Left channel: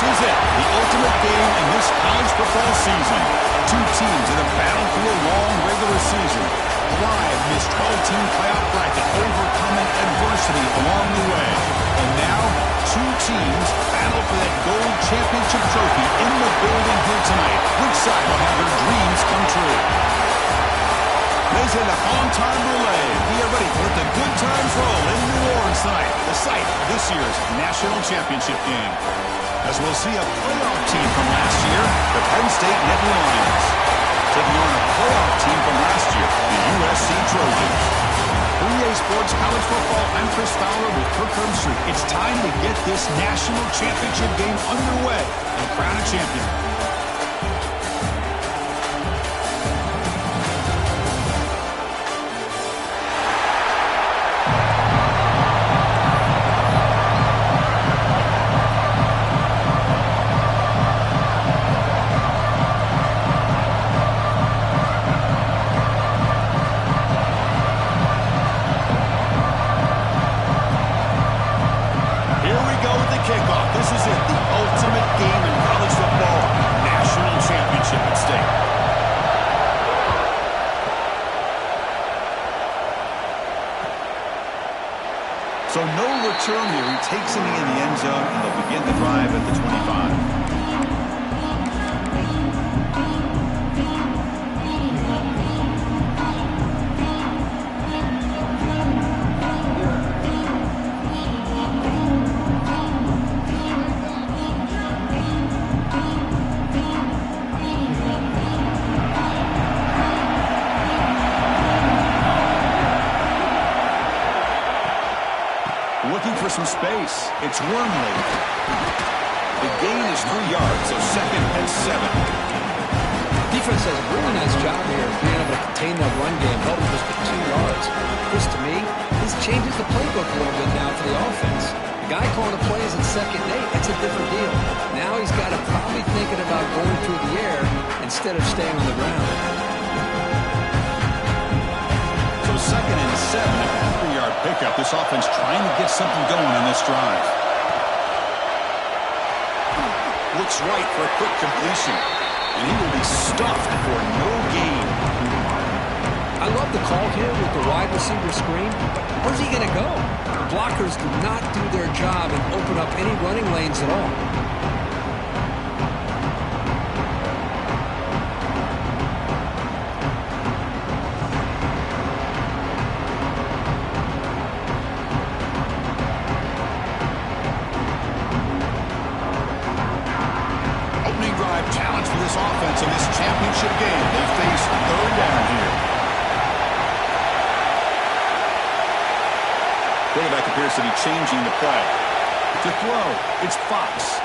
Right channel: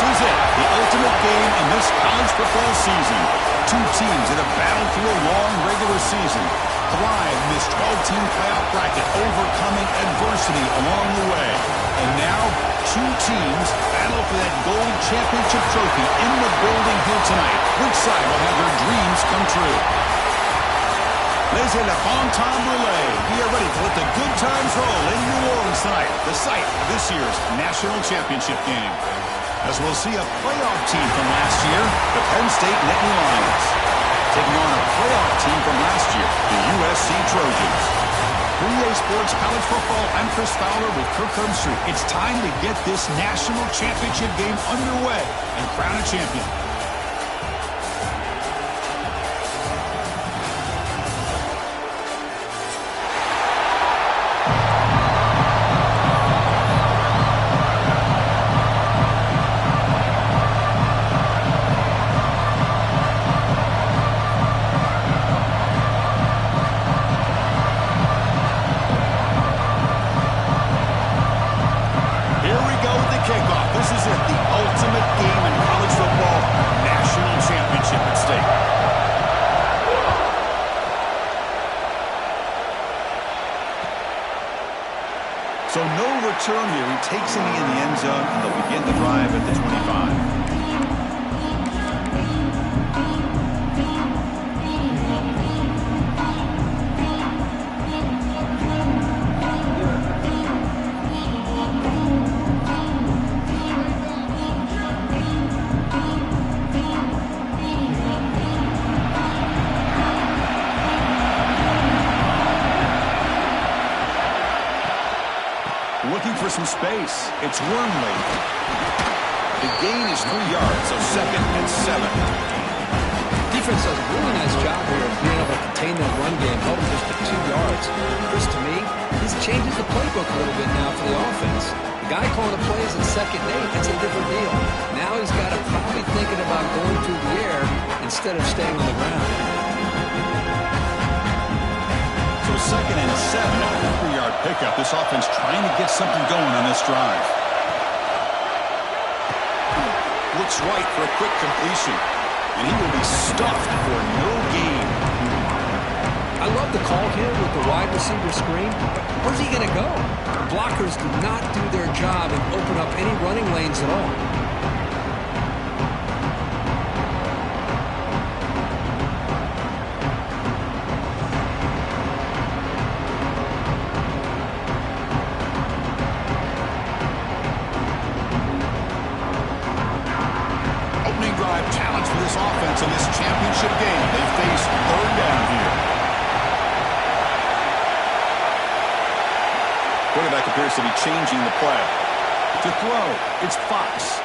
is it, the ultimate game in this college football season. Two teams that have battled through a long regular season, thrived in this 12-team playoff bracket, overcoming adversity along the way. And now, two teams battle for that gold championship trophy in the building here tonight. Which side will have their dreams come true? Ladies and on-time relay. We are ready to let the good times roll in New Orleans tonight, the site of this year's national championship game. As we'll see a playoff team from last year, the Penn State Nittany Lions, taking on a playoff team from last year, the USC Trojans. For EA Sports College Football, I'm Chris Fowler with Kirk Herbstreit. It's time to get this national championship game underway and crown a champion. Kickoff. This is it, the ultimate game in college football. National championship at stake. So no return here. He takes it in the end zone, and they'll begin the drive at the 25. Looking for some space. It's Wormley. The gain is 3 yards, so 2nd and 7. Defense does a really nice job here of being able to contain that run game, held him just at 2 yards. Chris, to me, this changes the playbook a little bit now for the offense. The guy calling the plays in 2nd and 8, that's a different deal. Now he's got to probably thinking about going through the air instead of staying on the ground. So 2nd and 7 after a 3-yard pickup. This offense trying to get something going on this drive. Looks right for a quick completion. And he will be stuffed for no gain. I love the call here with the wide receiver screen, but where's he going to go? The blockers do not do their job and open up any running lanes at all. Challenge for this offense in this championship game. They face 3rd down here. Quarterback appears to be changing the play. To throw, it's Fox.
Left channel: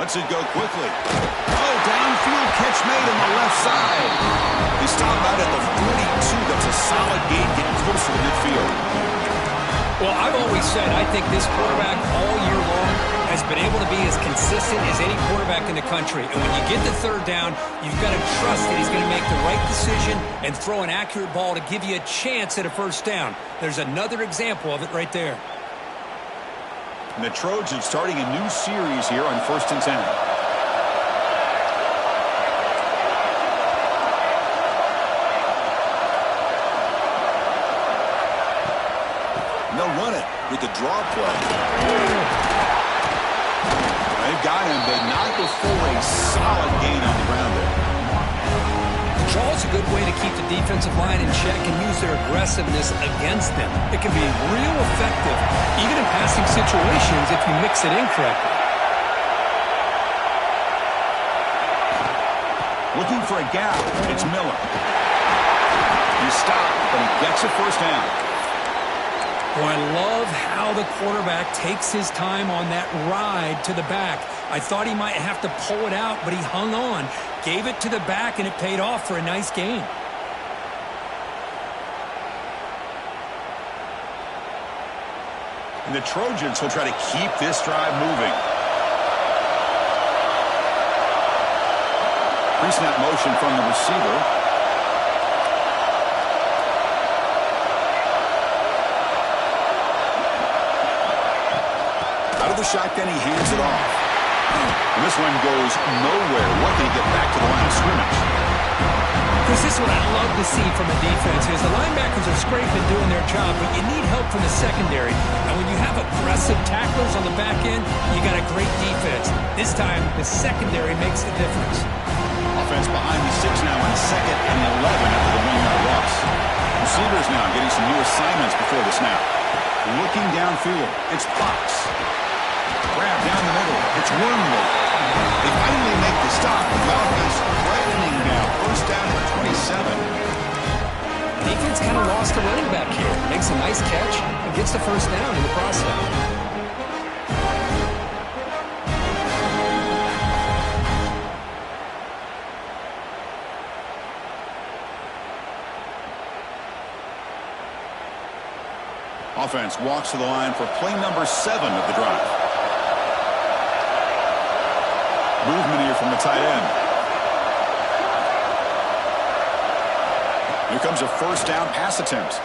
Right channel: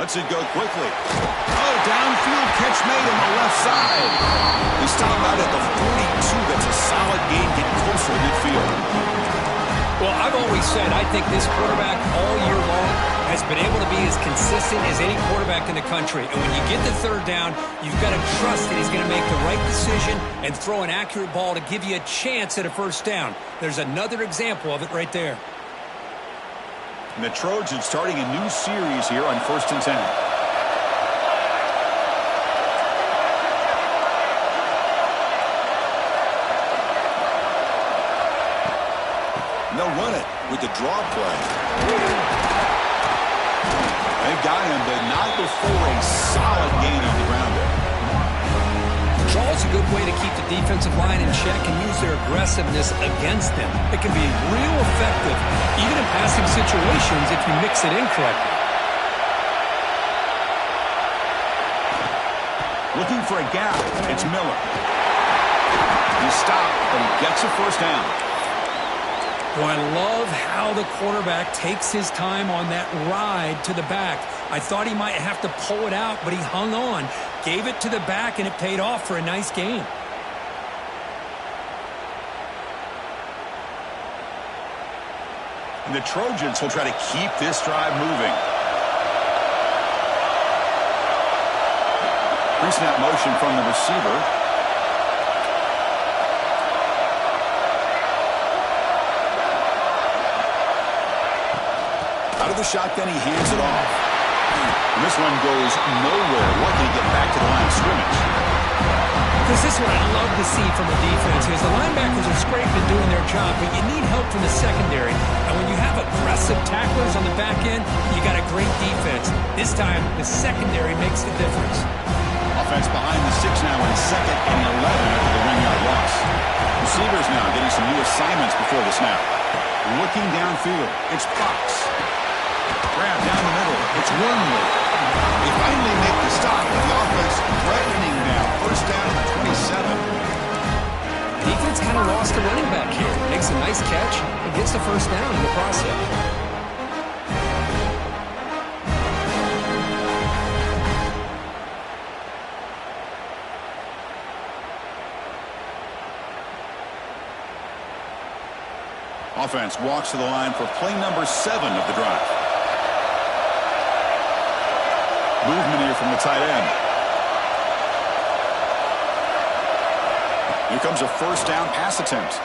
Lets it go quickly. Oh, downfield catch made on the left side. They stop out at the 42. That's a solid gain, getting closer to midfield. Well, I've always said I think this quarterback all year long has been able to be as consistent as any quarterback in the country. And when you get the 3rd down, you've got to trust that he's going to make the right decision and throw an accurate ball to give you a chance at a 1st down. There's another example of it right there. And the Trojans starting a new series here on 1st and 10. They'll run it with the draw play. They've got him, but not before a solid gain on the ground there. The draw is a good way to keep the defensive line in check and use their aggressiveness against them. It can be real effective, even in passing situations, if you mix it in correctly. Looking for a gap. It's Miller. He stopped, but he gets a 1st down. Boy, I love how the quarterback takes his time on that ride to the back. I thought he might have to pull it out, but he hung on, gave it to the back, and it paid off for a nice gain. And the Trojans will try to keep this drive moving. Pre-snap motion from the receiver. Out of the shotgun, he hands it off. And this one goes nowhere. Lucky to get back to the line of scrimmage. Chris, this is what I love to see from a defense is the linebackers are scraping doing their job, but you need help from the secondary. And when you have aggressive tacklers on the back end, you got a great defense. This time, the secondary makes the difference. Offense behind the 6 now on 2nd and 11 after the 1-yard loss. Receivers now getting some new assignments before the snap. Looking downfield, it's Fox. Grab down the middle, it's Wormley. They finally make the stop with the offense threatening now. First down at the 27. Defense kind of lost a running back here. Makes a nice catch and gets the first down in the process. Offense walks to the line for play number 7 of the drive. Movement here from the tight end. Here comes a first down pass attempt.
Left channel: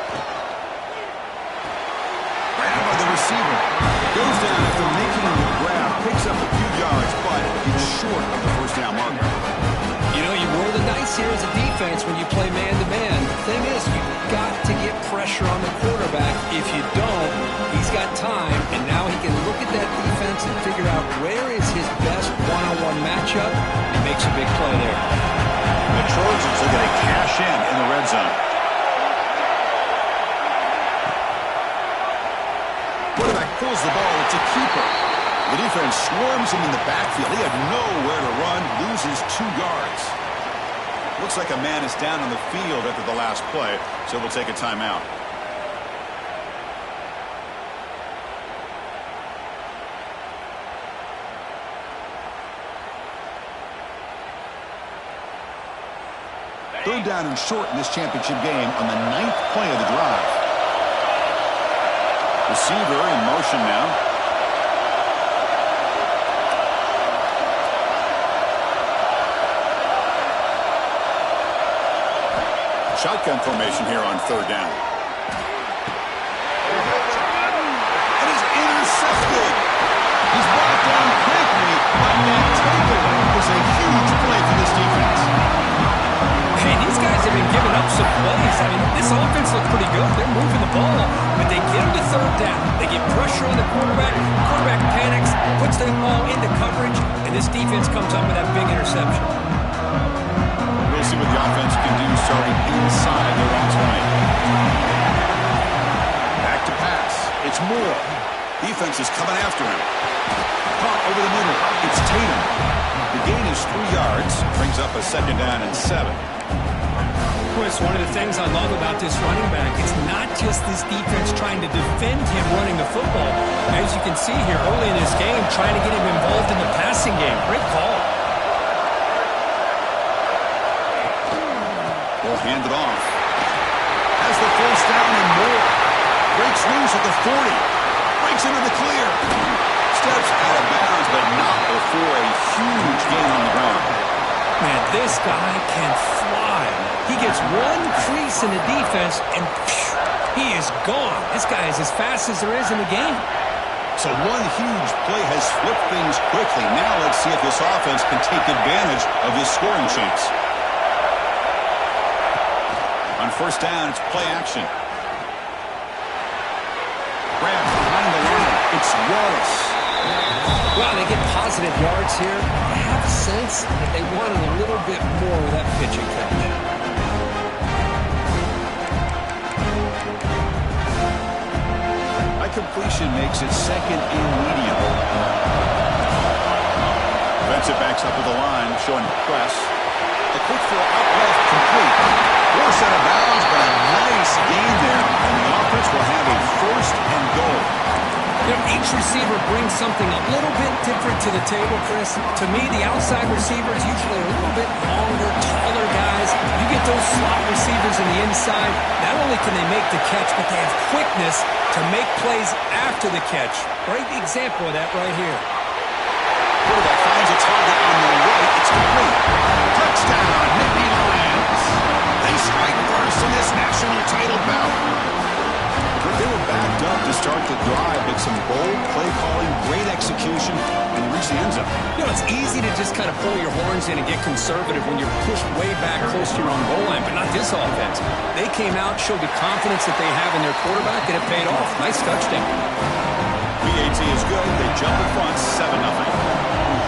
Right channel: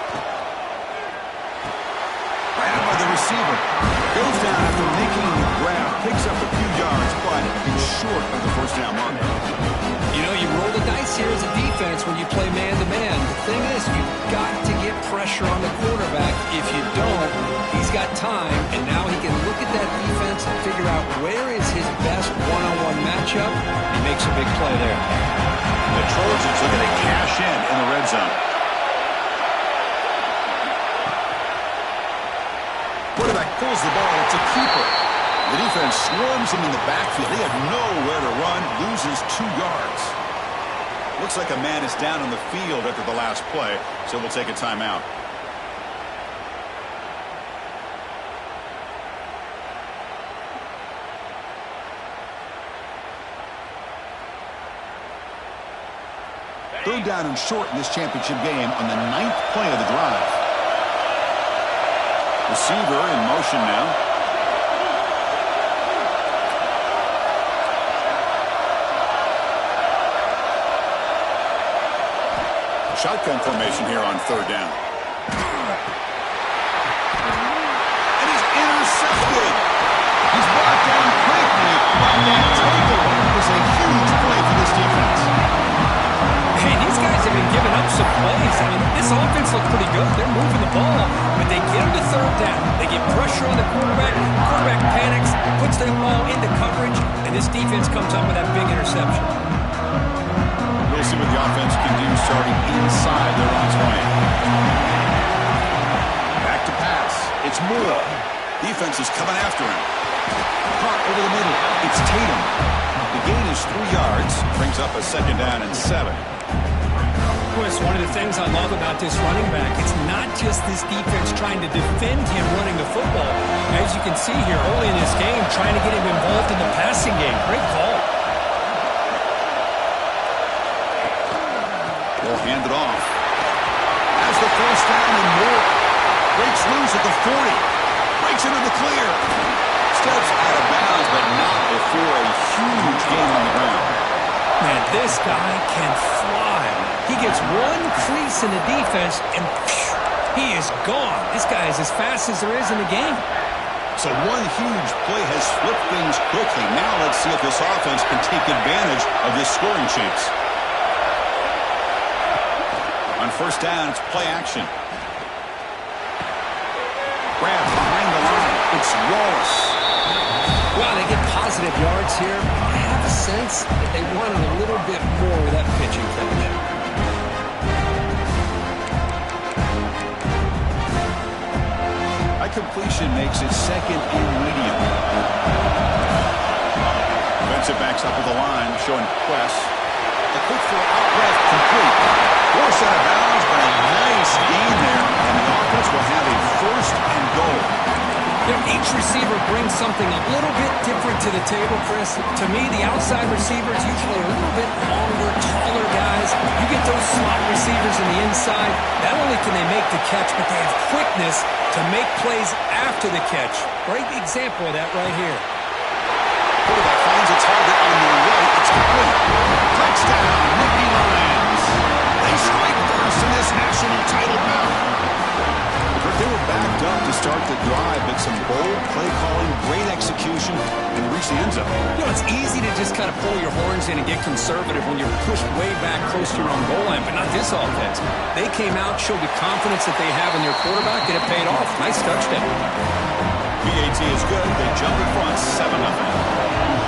Grabbed by the receiver. Goes down after making the grab. Picks up a few yards, but it's short of the first down marker. You know, you roll the dice here as a defense when you play man-to-man. The thing is, you've got to get pressure on the quarterback. If you don't, he's got time, and now he can look at that defense and figure out where is his best one-on-one matchup, and makes a big play there. The Trojans looking to cash in the red zone. Quarterback pulls the ball. It's a keeper. The defense swarms him in the backfield. He had nowhere to run, loses 2 yards. Looks like a man is down on the field after the last play, so we'll take a timeout. Third down and short in this championship game on the 9th play of the drive. Receiver in motion now. Shotgun formation here on 3rd down. And he's intercepted. He's brought down quickly, but that takeaway was a huge play for this defense. Hey, these guys have been giving up some plays. I mean, this offense looked pretty good. They're moving the ball, but they get him to 3rd down. They get pressure on the quarterback. Quarterback panics, puts the ball into coverage, and this defense comes up with that big interception. We'll see what the offense can do starting inside their own 20. Back to pass. It's Moore. Defense is coming after him. Caught over the middle. It's Tatum. The gain is 3 yards. Brings up a 2nd down and 7. Chris, one of the things I love about this running back, it's not just this defense trying to defend him running the football. As you can see here early in this game, trying to get him involved in the passing game. Great call. Will hand it off. Has the first down and more. Breaks loose at the 40. Breaks into the clear. Steps out of bounds, but not before a huge gain on the ground. Man, this guy can fly. He gets one crease in the defense, and he is gone. This guy is as fast as there is in the game. So one huge play has flipped things quickly. Now let's see if this offense can take advantage of this scoring chance. On first down, it's play action. Grab behind the line. It's Wallace. Well, they get positive yards here. I have a sense that they wanted a little bit more with that pitch and catch. High completion makes it 2nd and medium. Defensive backs up at the line, showing press. A quick throw out left, complete. Force out of bounds, but a nice gain there, and the offense will have a 1st and goal. You know, each receiver brings something a little bit different to the table, Chris. To me, the outside receivers usually are a little bit longer, taller guys. You get those slot receivers in the inside, not only can they make the catch, but they have quickness to make plays after the catch. Great example of that right here. Quarterback finds a target on the right. It's complete. Touchdown, Nittany Lions. They strike first in this national title bout. The They were backed up to start the drive, but some bold play calling, great execution, and they reached the end zone. You know, it's easy to just kind of pull your horns in and get conservative when you're pushed way back close to your own goal line, but not this offense. They came out, showed the confidence that they have in their quarterback, and it paid off. Nice touchdown. PAT is good. They jump in front, 7-0.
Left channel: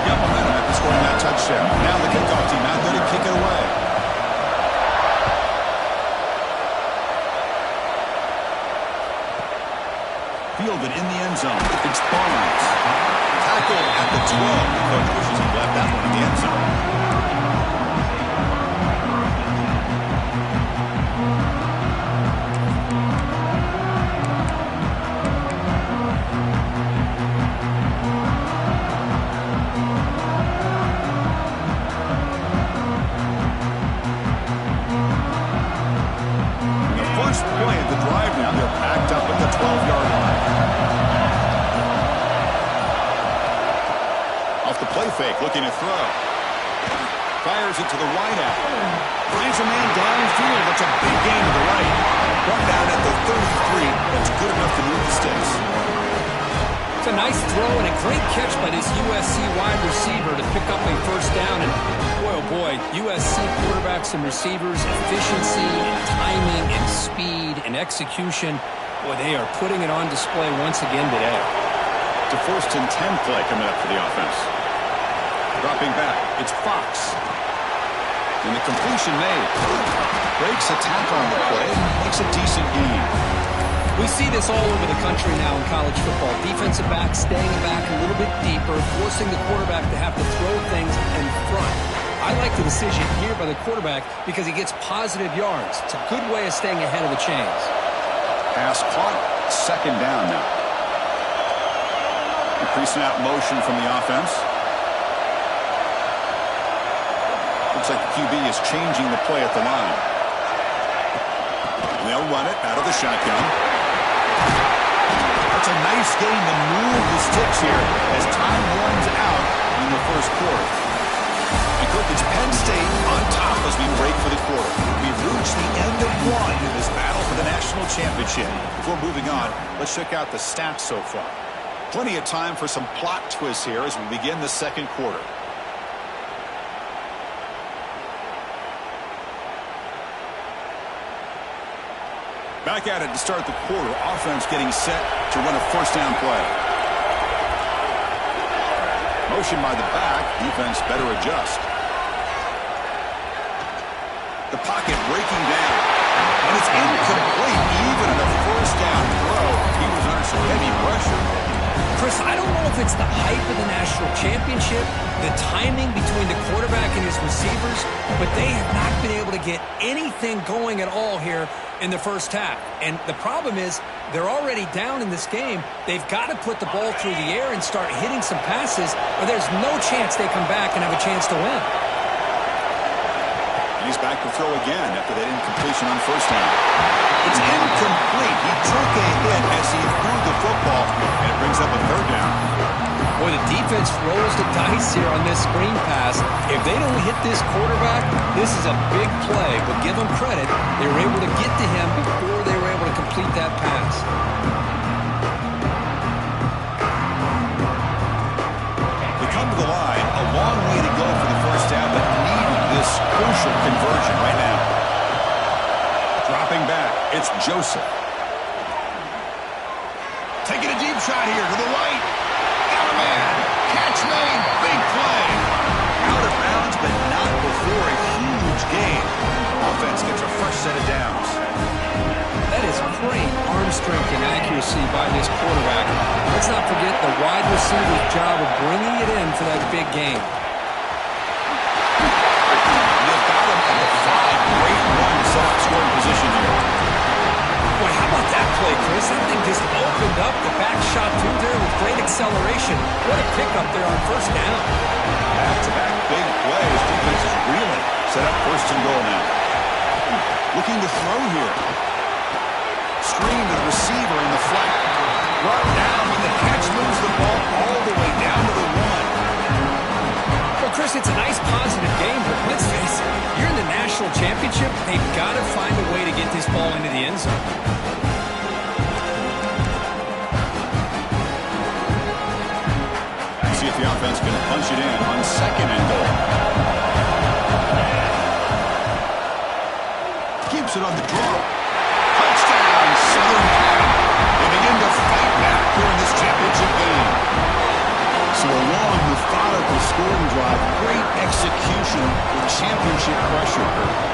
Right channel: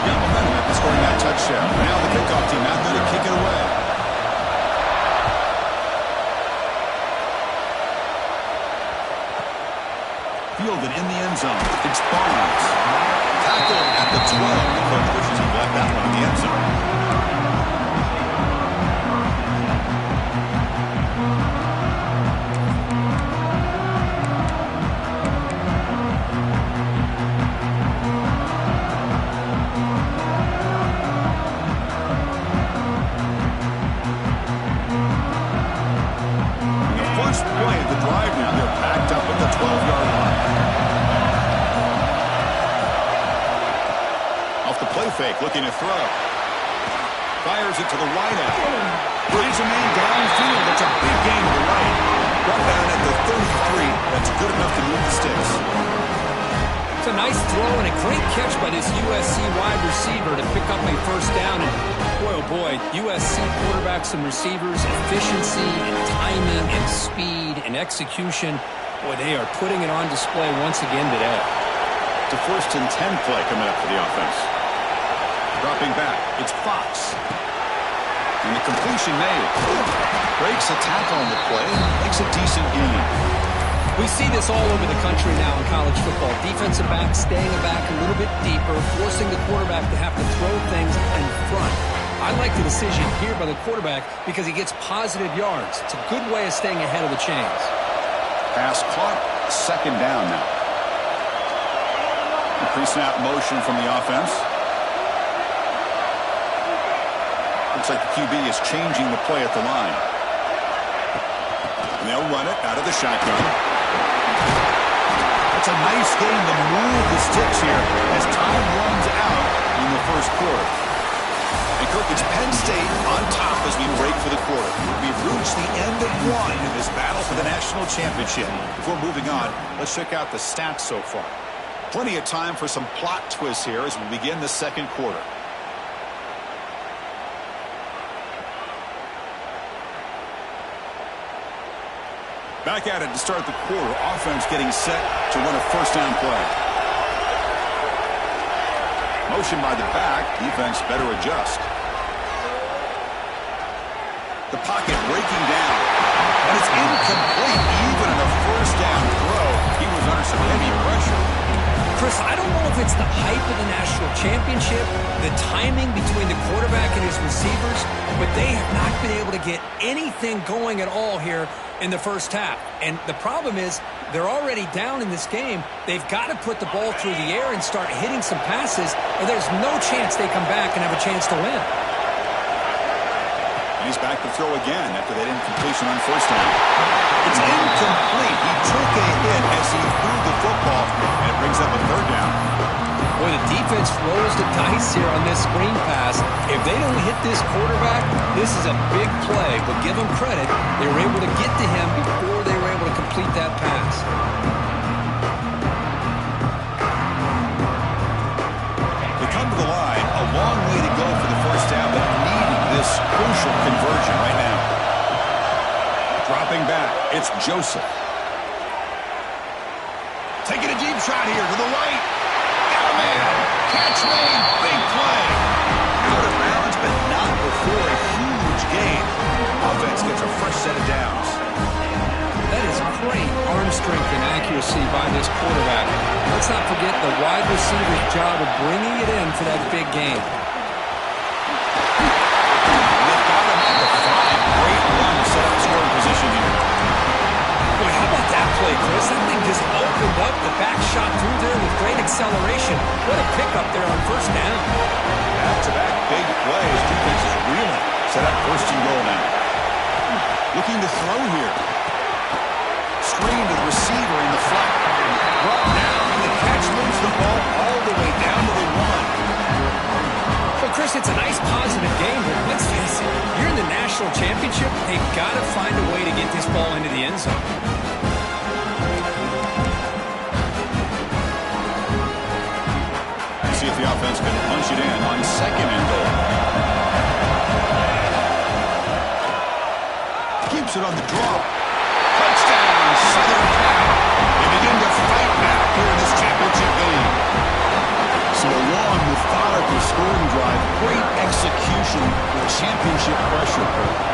Got momentum after scoring that touchdown. Now the kickoff team out there to kick it away. Fielded in the end zone. It's Barnes. Tackled at the 12. The coach wishes he left that one in the end zone. Fake, looking to throw. Fires it to the wideout. Finds a man downfield. That's a big gain to the right. Brought down at the 33. That's good enough to move the sticks. It's a nice throw and a great catch by this USC wide receiver to pick up a first down. And boy, oh boy, USC quarterbacks and receivers, efficiency and timing and speed and execution. Boy, they are putting it on display once again today. It's a 1st and 10 play coming up for the offense. Dropping back, it's Fox. And the completion made. Breaks a tackle on the play, makes a decent gain. We see this all over the country now in college football. Defensive backs staying back a little bit deeper, forcing the quarterback to have to throw things in front. I like the decision here by the quarterback because he gets positive yards. It's a good way of staying ahead of the chains. Pass caught, 2nd down now. Pre-snap motion from the offense. Looks like the QB is changing the play at the line. And they'll run it out of the shotgun. That's a nice game to move the sticks here as time runs out in the first quarter. And Kirk, it's Penn State on top as we break for the quarter. We've reached the end of one in this battle for the national championship. Before moving on, let's check out the stats so far. Plenty of time for some plot twists here as we begin the second quarter. Back at it to start the quarter. Offense getting set to run a first down play. Motion by the back. Defense better adjust. The pocket breaking down. And it's incomplete. Even in a first down throw, he was under some heavy pressure. Chris, I don't know if it's the hype of the national championship, the timing between the quarterback and his receivers, but they have not been able to get anything going at all here in the first half. And the problem is they're already down in this game. They've got to put the ball through the air and start hitting some passes, or there's no chance they come back and have a chance to win. And he's back to throw again after that incompletion on first down. It's incomplete. He took a hit as he threw the football, and it brings up a 3rd down. Boy, the defense rolls the dice here on this screen pass. If they don't hit this quarterback, this is a big play. But give them credit. They were able to get to him before they were able to complete that pass. They come to the line. A long way to go for the first down, but needing this crucial conversion right now. Dropping back, it's Joseph. Taking a deep shot here to the right. Got a man. Catch made. Big play. Out of bounds, but not before a huge gain. Offense gets a fresh set of downs. That is great arm strength and accuracy by this quarterback. Let's not forget the wide receiver's job of bringing it in for that big game. They've got him at the 5. Great run to set up scoring position here. Boy, how about that play, Chris? That thing just opened up. The back shot through there with great acceleration. What a pickup there on first down. Back-to-back big plays. Defense is reeling. Set up 1st and goal now. Looking to throw here. Screen to the receiver in the flat. Brought down, and the catch moves the ball all the way down to the 1. Well, Chris, it's a nice positive game, but let's face it, you're in the national championship. They've got to find a way to get this ball into the end zone. see if the offense can punch it in on 2nd and goal. Keeps it on the draw. Touchdown, Southern Cal. They begin to fight back here in this championship game. So a long, methodical scoring drive. Great execution with championship pressure.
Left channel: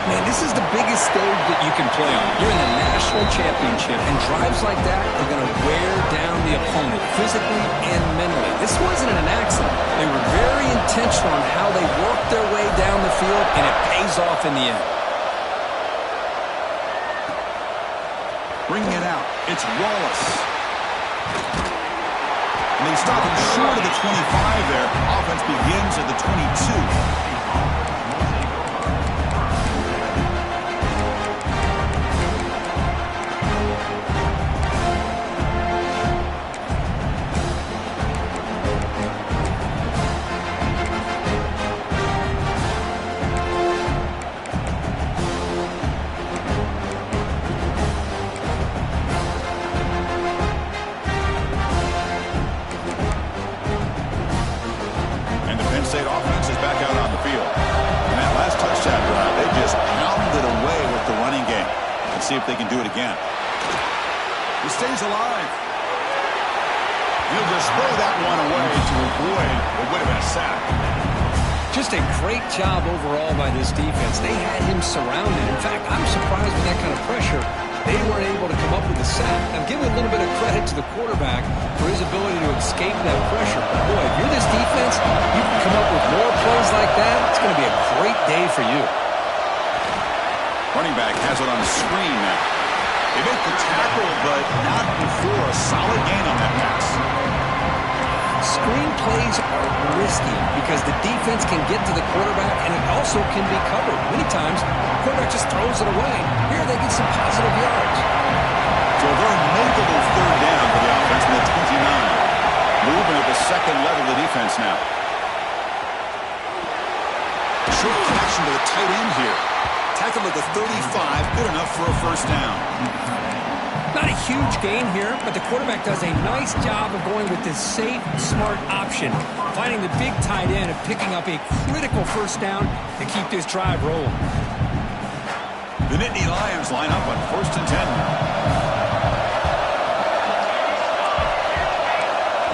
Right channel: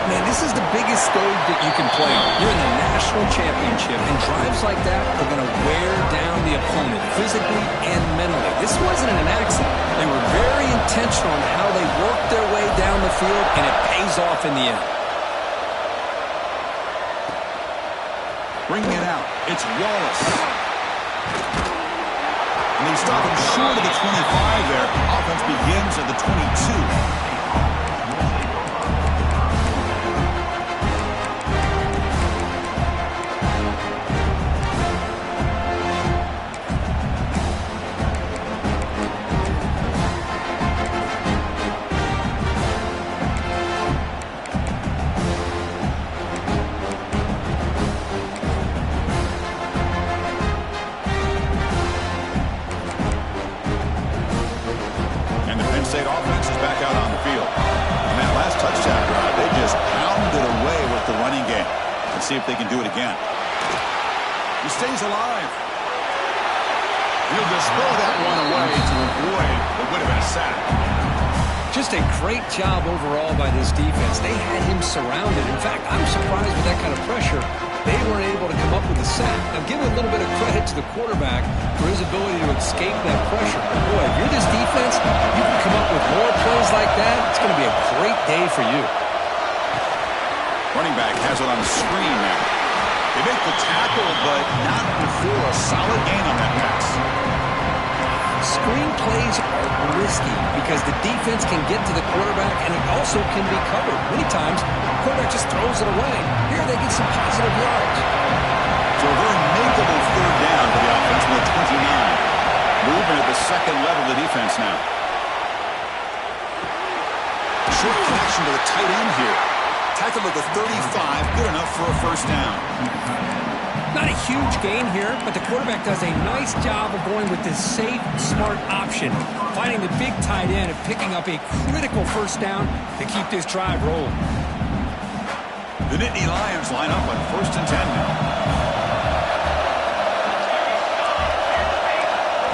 Man, this is the biggest stage that you can play on. You're in the national championship, and drives like that are going to wear down the opponent physically and mentally. This wasn't an accident. They were very intentional on how they worked their way down the field, and it pays off in the end. Bringing it out, it's Wallace. And they stop him short of the 25 there. Offense begins at the 22. State offense is back out on the field. In that last touchdown drive, they just pounded away with the running game. Let's see if they can do it again. He stays alive. He'll just throw that one away to avoid what would have been a sack. Just a great job overall by this defense. They had him surrounded. In fact, I'm surprised with that kind of pressure, they weren't able to come up with a sack. Now, give a little bit of credit to the quarterback for his ability to escape that pressure. But, boy, if you're this defense, you can come up with more plays like that. It's going to be a great day for you. Running back has it on the screen now. They make the tackle, but not before a solid gain on that pass. Screen plays are risky because the defense can get to the quarterback, and it also can be covered. Many times, the quarterback just throws it away. Here they get some positive yards. So a very makeable 3rd down for the offense from the 29. Moving at the 2nd level of the defense now. Short connection to the tight end here. Tackled at the 35, good enough for a 1st down. Not a huge gain here, but the quarterback does a nice job of going with this safe, smart option, finding the big tight end and picking up a critical 1st down to keep this drive rolling. The Nittany Lions line up on 1st and 10 now.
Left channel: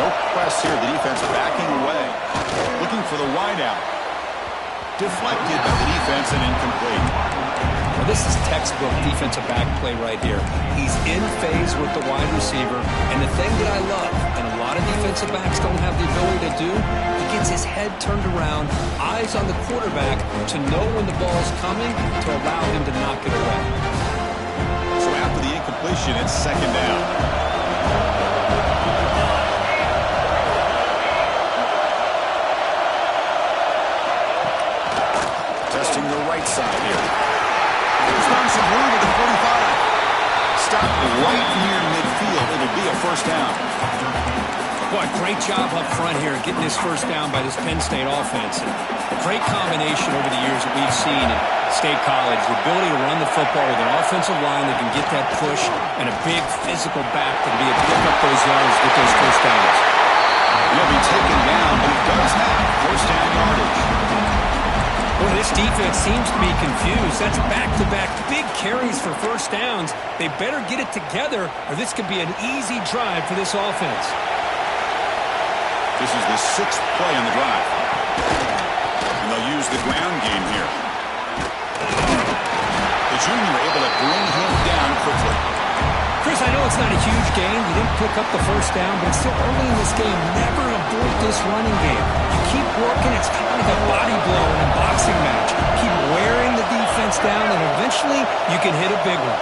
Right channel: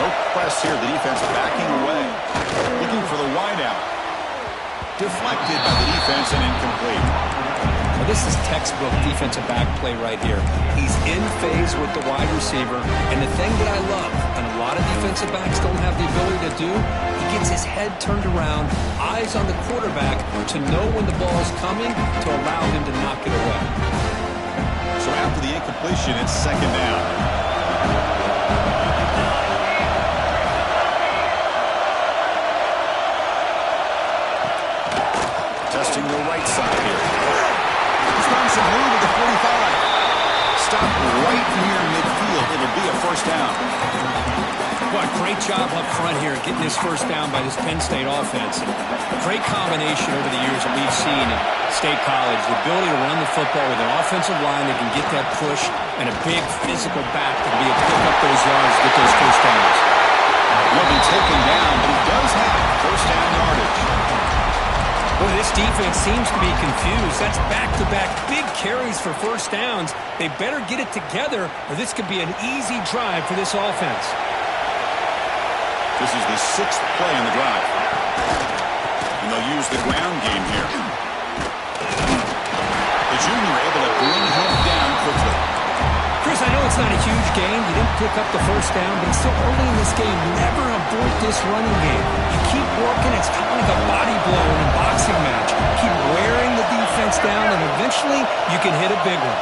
No press here. The defense backing away, looking for the wideout. Deflected by the defense and incomplete. Well, this is textbook defensive back play right here. He's in phase with the wide receiver, and the thing that I love, and a lot of defensive backs don't have the ability to do, he gets his head turned around, eyes on the quarterback to know when the ball's coming to allow him to knock it away. So after the incompletion, it's 2nd down. Testing the right side here. There's some room at the 45. Stop right near midfield. It'll be a 1st down. What a great job up front here getting this 1st down by this Penn State offense. And a great combination over the years that we've seen in State College. The ability to run the football with an offensive line that can get that push and a big physical back that can be able to pick up those yards, get those 1st downs. He'll be taken down, but he does have 1st down yardage. Boy, this defense seems to be confused. That's back-to-back big carries for 1st downs. They better get it together, or this could be an easy drive for this offense. This is the 6th play on the drive. And they'll use the ground game here. The junior able to bring him down quickly. Chris, I know it's not a huge gain. You didn't pick up the 1st down, but it's still early in this game. Never abort this running game. You keep working. It's kind of like a body blow in a boxing match. Keep wearing the defense down, and eventually you can hit a big one.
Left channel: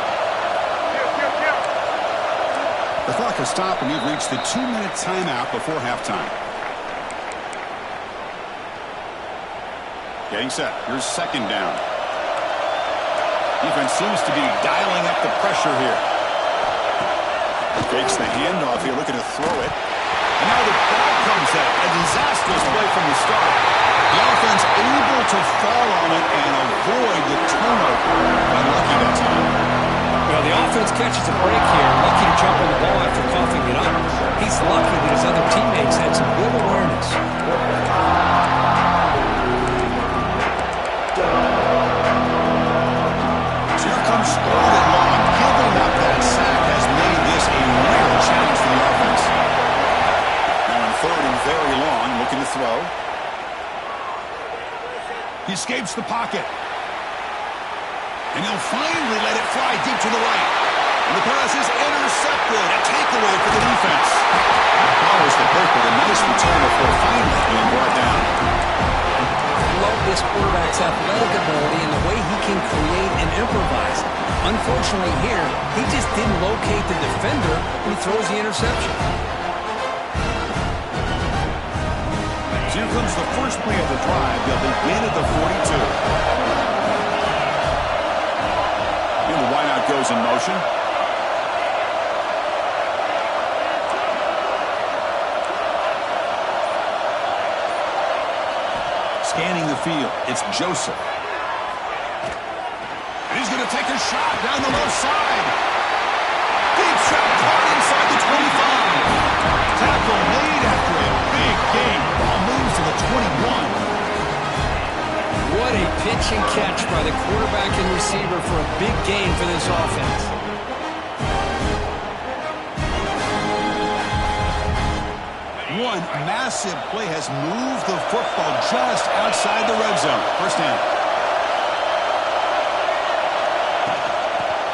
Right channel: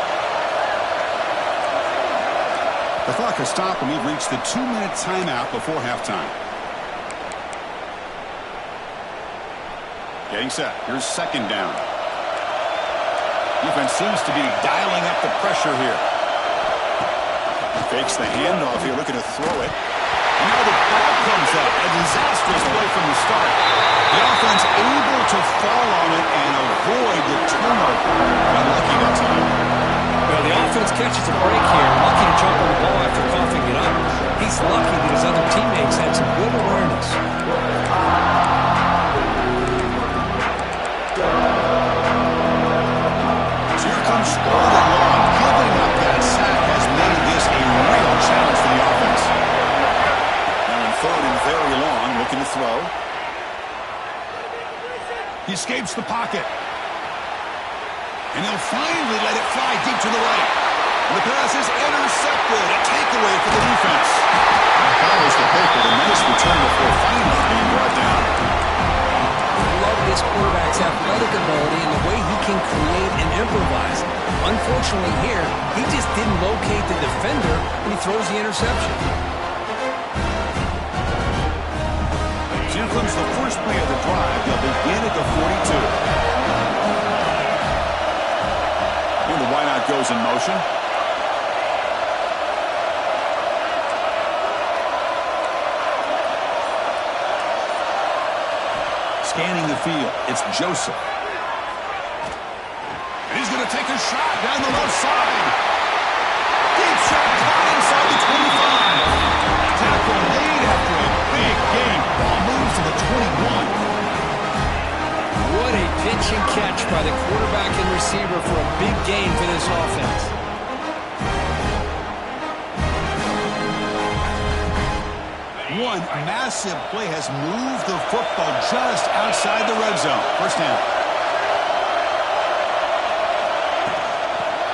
The clock has stopped, and we've reached the 2-minute timeout before halftime. Getting set. Here's 2nd down. Defense seems to be dialing up the pressure here. Fakes the handoff here, looking to throw it. And now the ball comes out. A disastrous play from the start. The offense able to fall on it and avoid the turnover. Unlucky that time. Well, the offense catches a break here. Lucky to jump on the ball after coughing it up. He's lucky that his other teammates had some good awareness. Looking to throw. He escapes the pocket. And he'll finally let it fly deep to the right. And the pass is intercepted. A takeaway for the defense. Follows the pick with a nice return before finally being brought down. I love this quarterback's athletic ability and the way he can create and improvise. Unfortunately here, he just didn't locate the defender when he throws the interception. Here comes the first play of the drive. They'll begin at the 42. And the wideout goes in motion. Scanning the field, it's Joseph. And he's going to take a shot down the left side. Deep shot caught inside the 25. Tackle made after a big gain. Ball moves to the 21. What a pitch and catch by the quarterback and receiver for a big gain for this offense. One massive play has moved the football just outside the red zone. First down.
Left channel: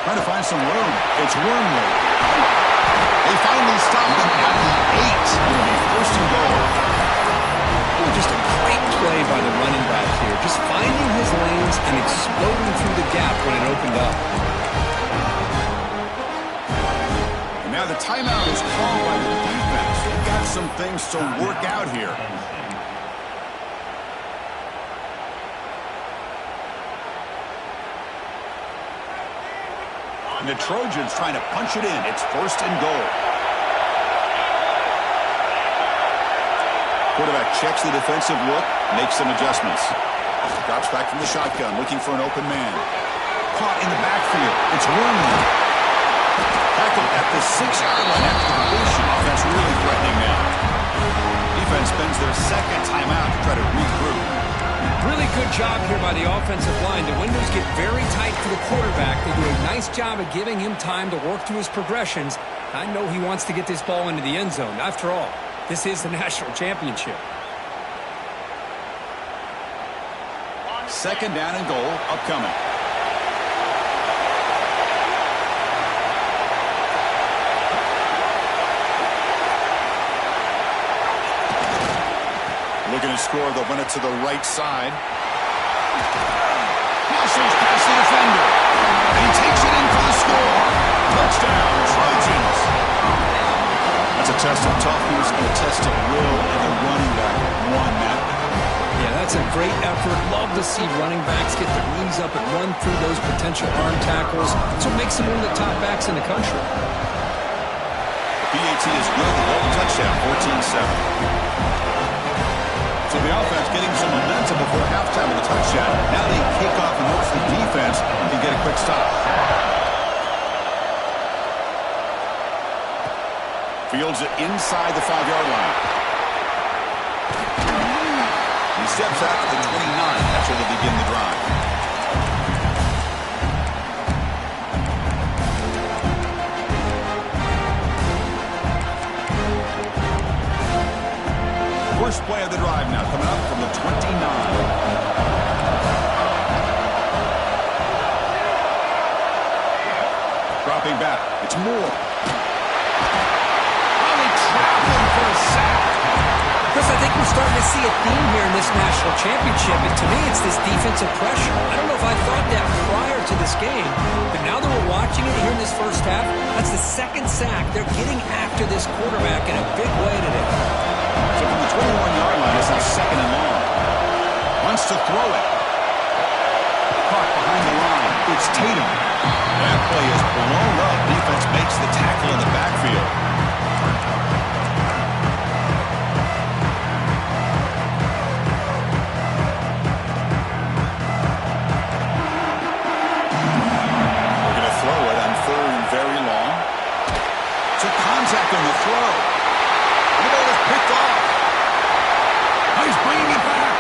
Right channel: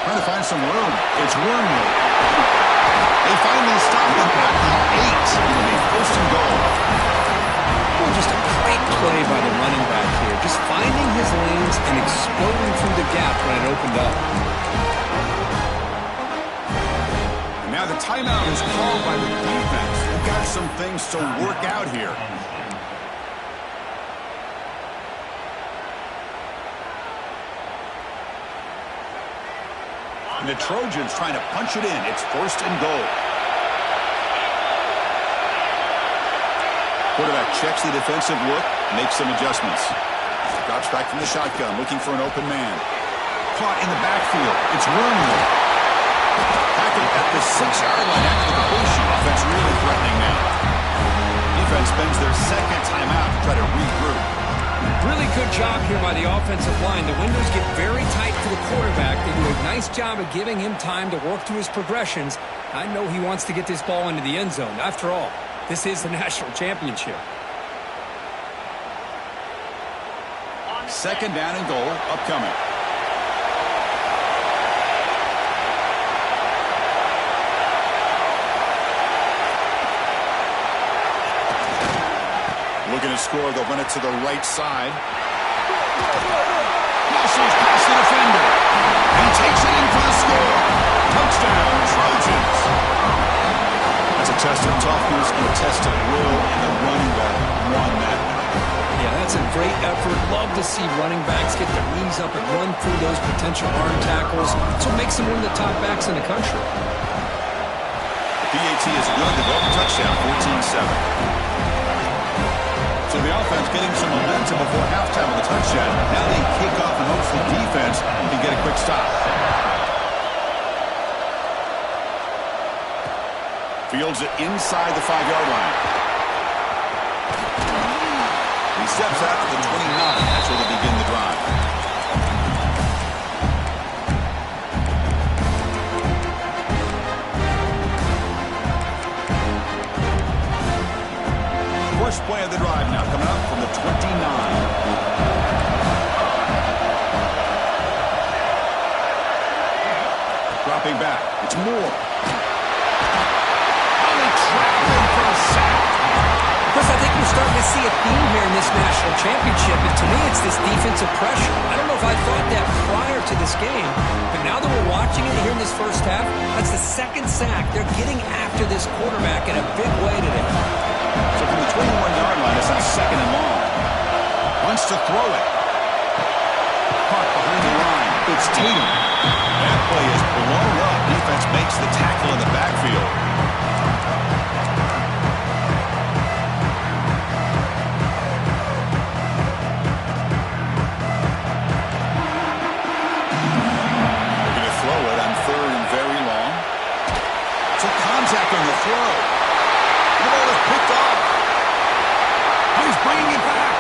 Trying to find some room. It's Wormley. They finally stop him at the 8. It'll be first and goal. Oh, just a great play by the running back here. Just finding his lanes and exploding through the gap when it opened up. And now the timeout is called by the defense. They've got some things to work out here. And the Trojans trying to punch it in. It's first and goal. Quarterback checks the defensive look, makes some adjustments. Drops back from the shotgun, looking for an open man. Caught in the backfield. It's Wormley. Tackled at the 6-yard line after the completion. Offense really threatening now. Defense spends their second timeout to try to regroup. Really good job here by the offensive line. The windows get very tight for the quarterback. They do a nice job of giving him time to work through his progressions. I know he wants to get this ball into the end zone. After all, this is the national championship. Second down and goal upcoming. Looking to score, they'll run it to the right side. Muscles past the defender. And he takes it in for the score. Touchdown, Trojans. That's a test of toughness and a test of will, and the running back won that. Yeah, that's a great effort. Love to see running backs get their knees up and run through those potential arm tackles. That's what makes them one of the top backs in the country. The PAT is good. The goal touchdown, 14-7. So the offense getting some momentum before halftime with a touchdown. Now they kick off and hopefully defense can get a quick stop. Fields it inside the 5-yard line. He steps out to the 29. That's where they'll begin the drive. First play of the drive now coming up from the 29. Dropping back. It's Moore. Oh, they trap him for a sack. Chris, I think we're starting to see a theme here in this national championship, and to me it's this defensive pressure. I don't know if I thought that prior to this game, but now that we're watching it here in this first half, that's the second sack. They're getting after this quarterback in a big way today. So from the 21-yard line, it's now second and long. Wants to throw it. Caught behind the line. It's Tatum. That play is blown up. Defense makes the tackle in the backfield. We're going to throw it on third and very long. Took contact on the throw. The ball is picked off. Now he's bringing it back.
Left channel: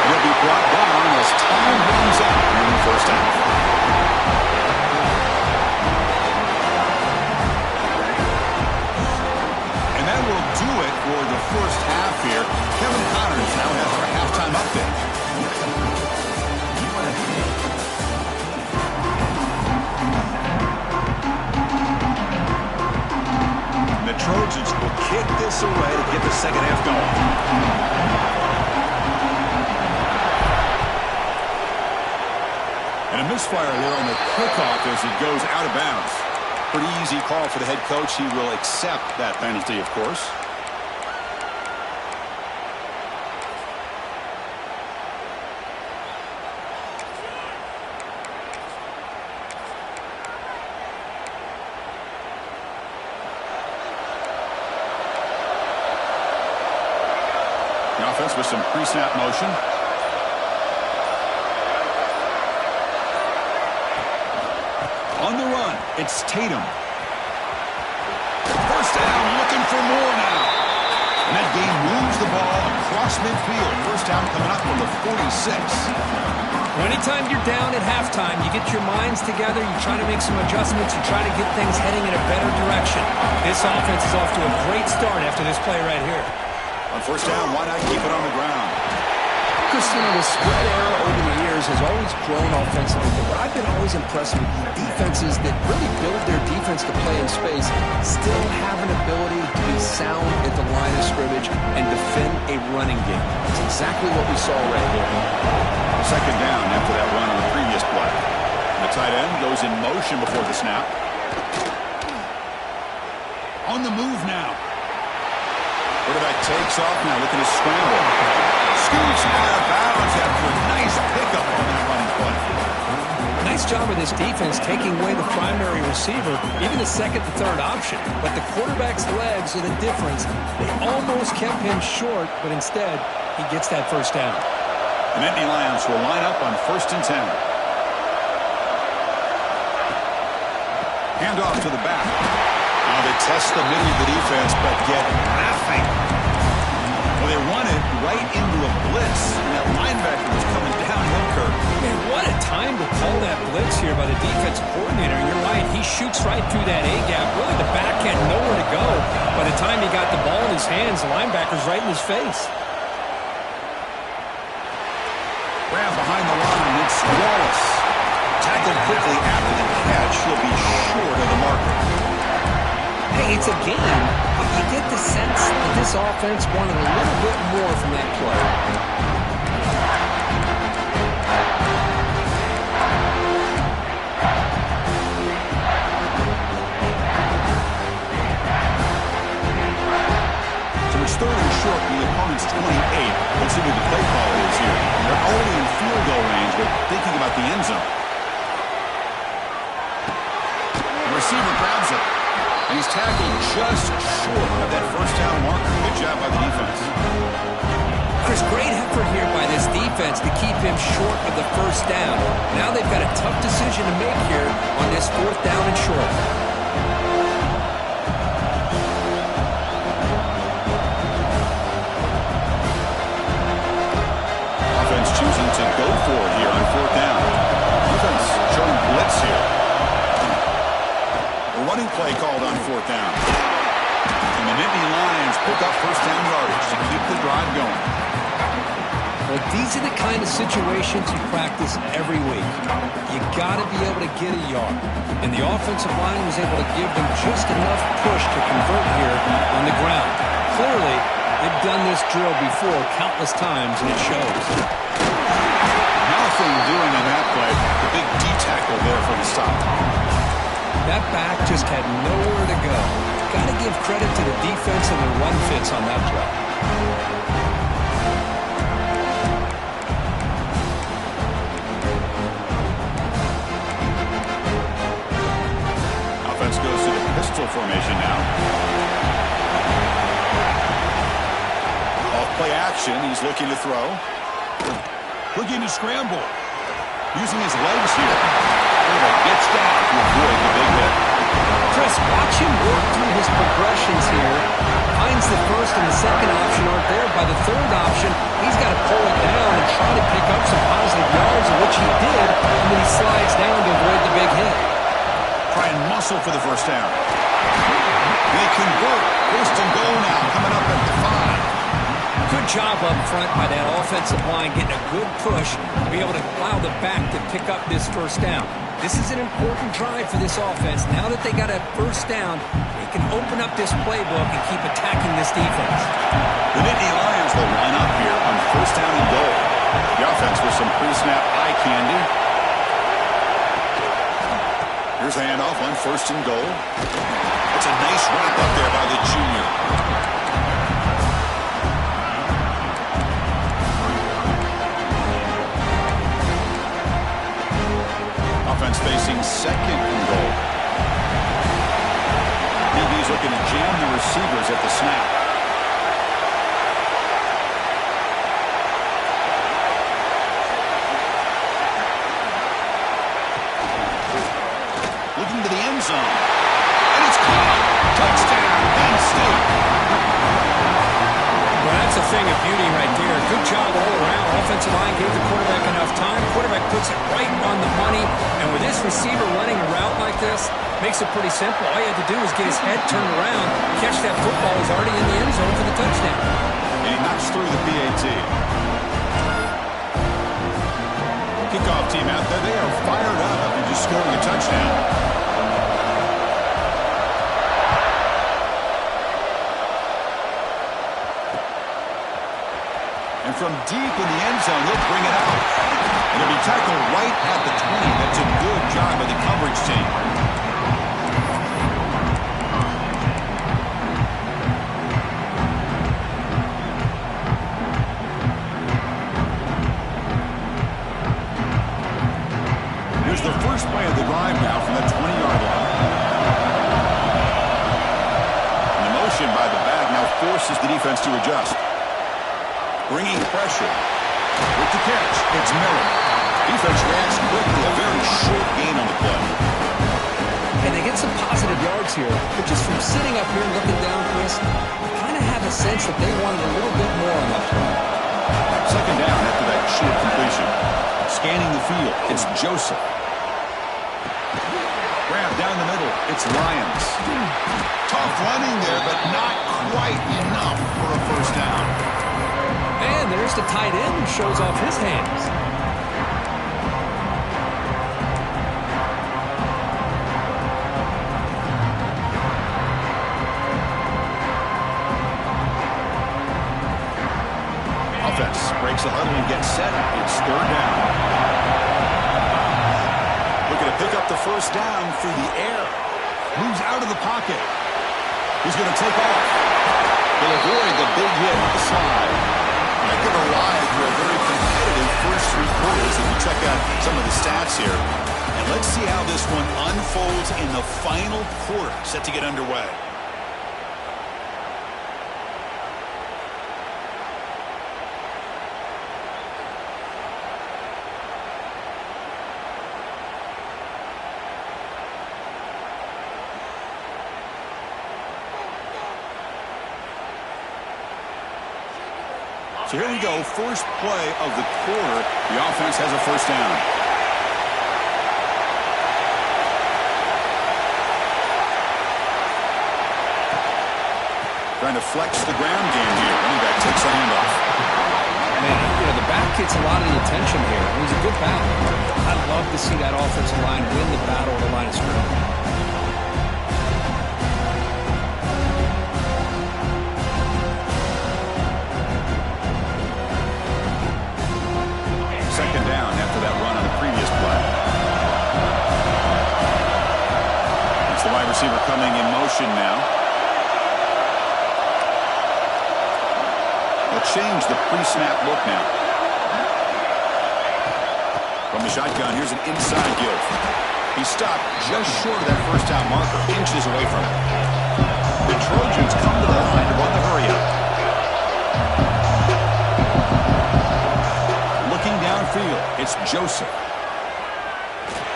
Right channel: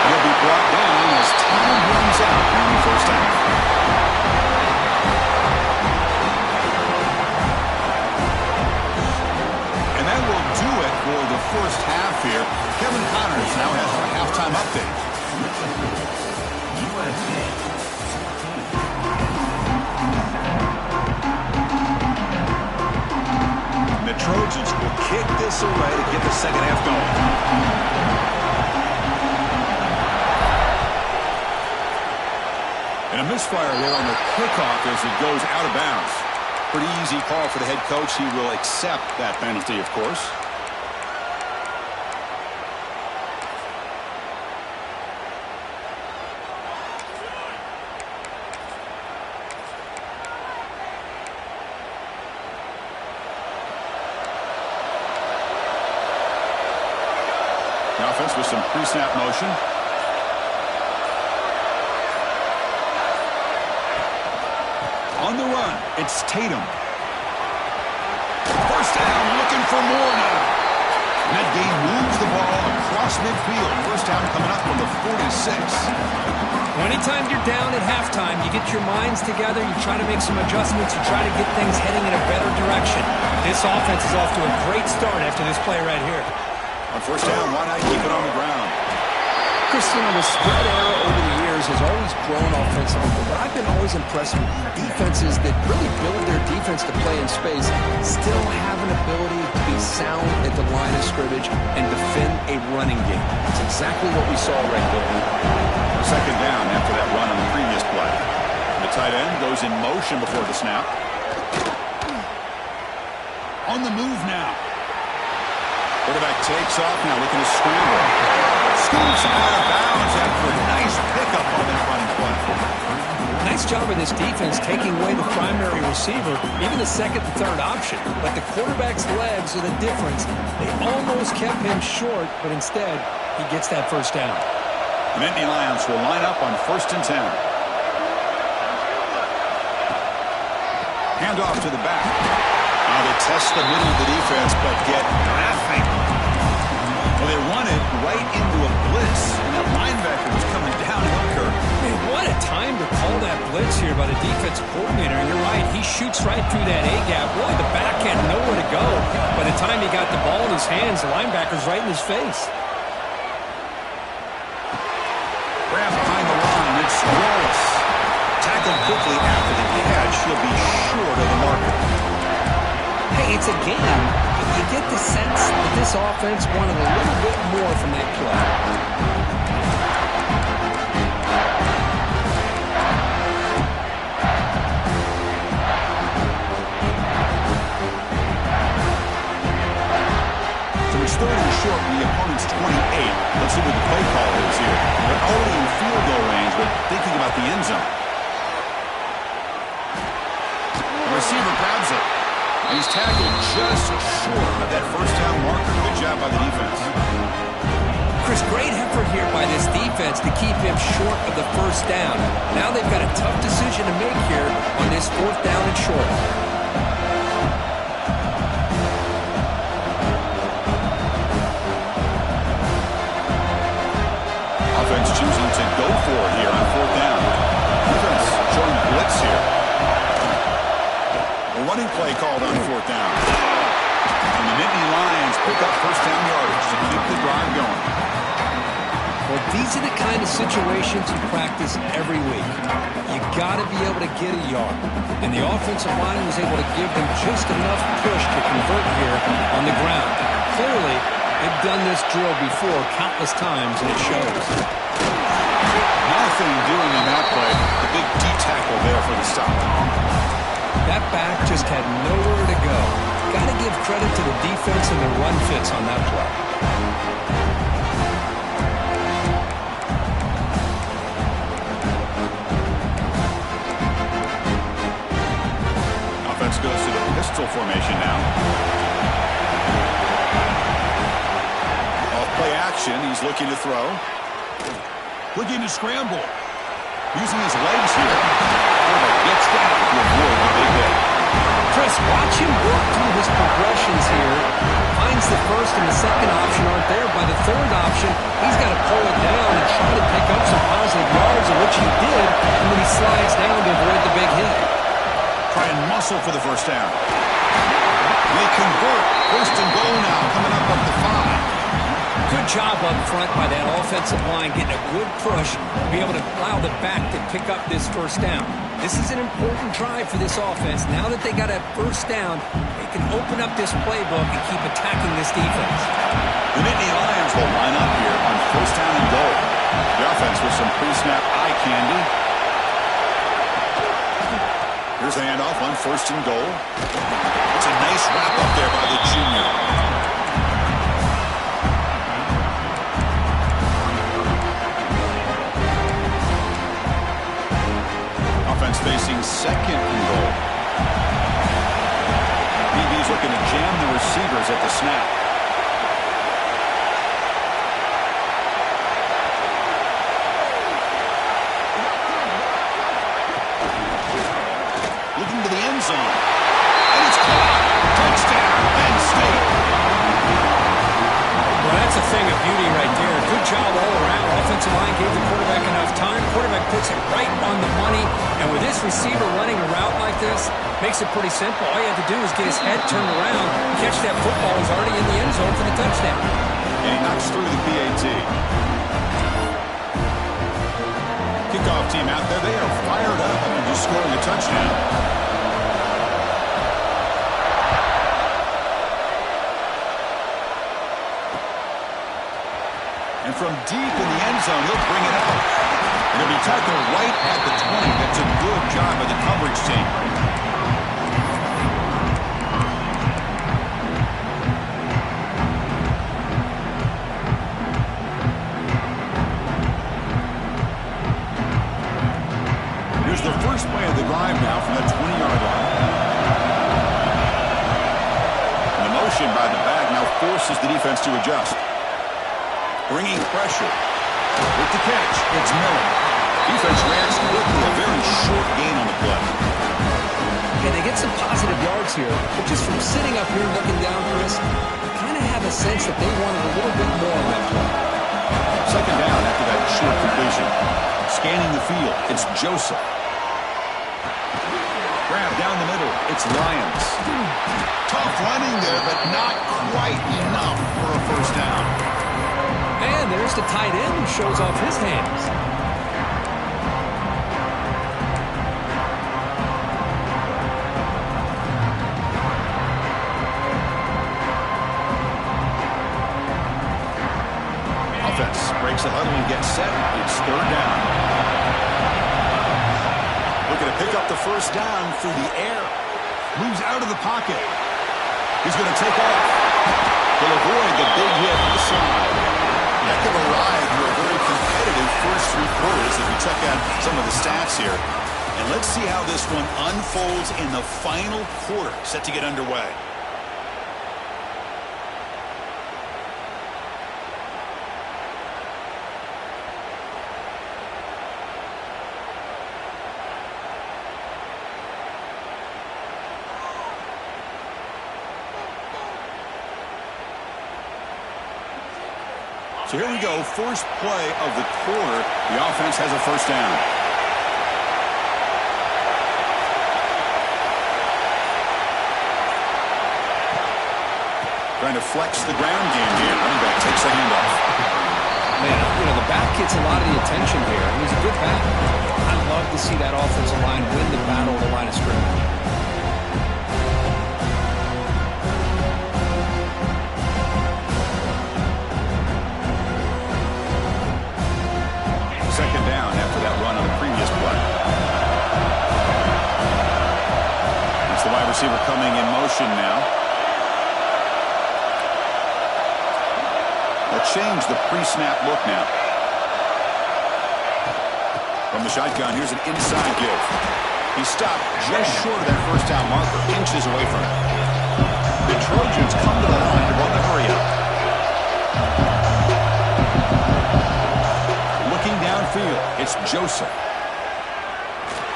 And he'll be brought down as time runs out in the first half. And that will do it for the first half here. Kevin Connors now has our halftime update. The Trojans will kick this away to get the second half going. And a misfire there on the kickoff as it goes out of bounds. Pretty easy call for the head coach. He will accept that penalty, of course. The offense with some pre-snap motion. On the run, it's Tatum. First down, looking for more now. And that game moves the ball across midfield. First down coming up from the 46. Well, anytime you're down at halftime, you get your minds together, you try to make some adjustments, you try to get things heading in a better direction. This offense is off to a great start after this play right here. On first down, why not keep it on the ground? Christian, the spread era over the years has always grown offensively, but what I've been always impressed with defenses that really build their defense to play in space still have an ability to be sound at the line of scrimmage and defend a running game. That's exactly what we saw right there. Second down after that run on the previous play. The tight end goes in motion before the snap. On the move now. Quarterback takes off now, looking to scramble. Scoots out of bounds after a nice pickup on that running play. Nice job of this defense taking away the primary receiver, even the second and third option. But the quarterback's legs are the difference. They almost kept him short, but instead, he gets that first down. The Nittany Lions will line up on 1st and 10. Hand off to the back. Now they test the middle of the defense, but get nothing. Well, they run it right into a blitz, and that linebacker was coming downhill, Kirk. Man, what a time to call that blitz here by the defensive coordinator. And you're right, he shoots right through that A-gap. Really, the back had nowhere to go. By the time he got the ball in his hands, the linebacker's right in his face. Grab behind the line, it's Wallace. Tackled quickly after the catch. He'll be short of the marker. Hey, it's a game, but you get the sense that this offense wanted a little bit more from that play. So it's 3rd and short from the opponent's 28. Let's see what the play call is here. They're already in field goal range, but thinking about the end zone. The receiver grabs it. And he's tackled just short of that first down marker. Good job by the defense. Chris, great effort here by this defense to keep him short of the first down. Now they've got a tough decision to make here on this 4th down and short. Offense choosing to go for it here on 4th down. Defense showing blitz here. A running play called on 4th down. And the Nittany Lions pick up first down yardage to keep the drive going. Well, these are the kind of situations you practice every week. You got to be able to get a yard. And the offensive line was able to give them just enough push to convert here on the ground. Clearly, they've done this drill before countless times, and it shows. Nothing doing in that play. The big D-tackle there for the stop. That back just had nowhere to go. Got to give credit to the defense and the run fits on that play. Offense goes to the pistol formation now. Off play action, he's looking to throw. Looking to scramble. Using his legs here. Quarterback gets down to avoid the big hit. Chris, watch him work through his progressions here. Finds the first and the second option aren't there. By the third option, he's got to pull it down and try to pick up some positive yards, of which he did, and then he slides down to avoid the big hit. Try and muscle for the first down. They convert. First and goal now, coming up at the 5. Good job up front by that offensive line, getting a good push to be able to allow the back to pick up this first down. This is an important drive for this offense. Now that they got a first down, they can open up this playbook and keep attacking this defense. The Nittany Lions will line up here on first down and goal. The offense with some pre-snap eye candy. Here's a handoff on first and goal. That's a nice wrap up there by the junior. Offense facing second and goal. DB's looking to jam the receivers at the snap. Looking to the end zone. And it's caught. Touchdown, Penn State. Well, that's a thing of beauty right there. Good job all around. Offensive line gave the quarterback enough time. Quarterback puts it right on the money. And with this receiver running a route like this, makes it pretty simple. All you have to do is get his head turned around, catch that football. He's already in the end zone for the touchdown. And he knocks through the PAT. Kickoff team out there. They are fired up after just scoring a touchdown. And from deep in the end zone, he'll bring it out. And it'll be tackled right at the 20. That's a good job by the coverage team. Here's the first play of the drive now from the 20-yard line. And the motion by the back now forces the defense to adjust. Bringing pressure. With the catch, it's Miller. Defense reacts quickly. A very short gain on the play. Okay, they get some positive yards here, but just from sitting up here and looking down, Chris, I kind of have a sense that they wanted a little bit more on that play. Second down after that short completion. Scanning the field, it's Joseph. Grab down the middle, it's Lions. Tough running there, but not quite enough for a first down. And there's the tight end who shows off his hands. Offense breaks the huddle and gets set. It's third down. Looking to pick up the first down through the air. Moves out of the pocket. He's going to take off. He'll avoid the big hit with the slide. Heck of a ride through a very competitive first 3 quarters as we check out some of the stats here. And let's see how this one unfolds in the final quarter set to get underway. So here we go, first play of the quarter. The offense has a first down. Trying to flex the ground game here. Running back takes the handoff. Man, you know, the back gets a lot of the attention here. He's a good back. I'd love to see that offensive line win the battle at the line of scrimmage. Second down after that run on the previous play. It's the wide receiver coming in motion now. They'll change the pre-snap look now. From the shotgun, here's an inside give. He stopped just short of that first down marker, inches away from it. The Trojans come to the line to run the hurry up. Looking downfield, it's Joseph.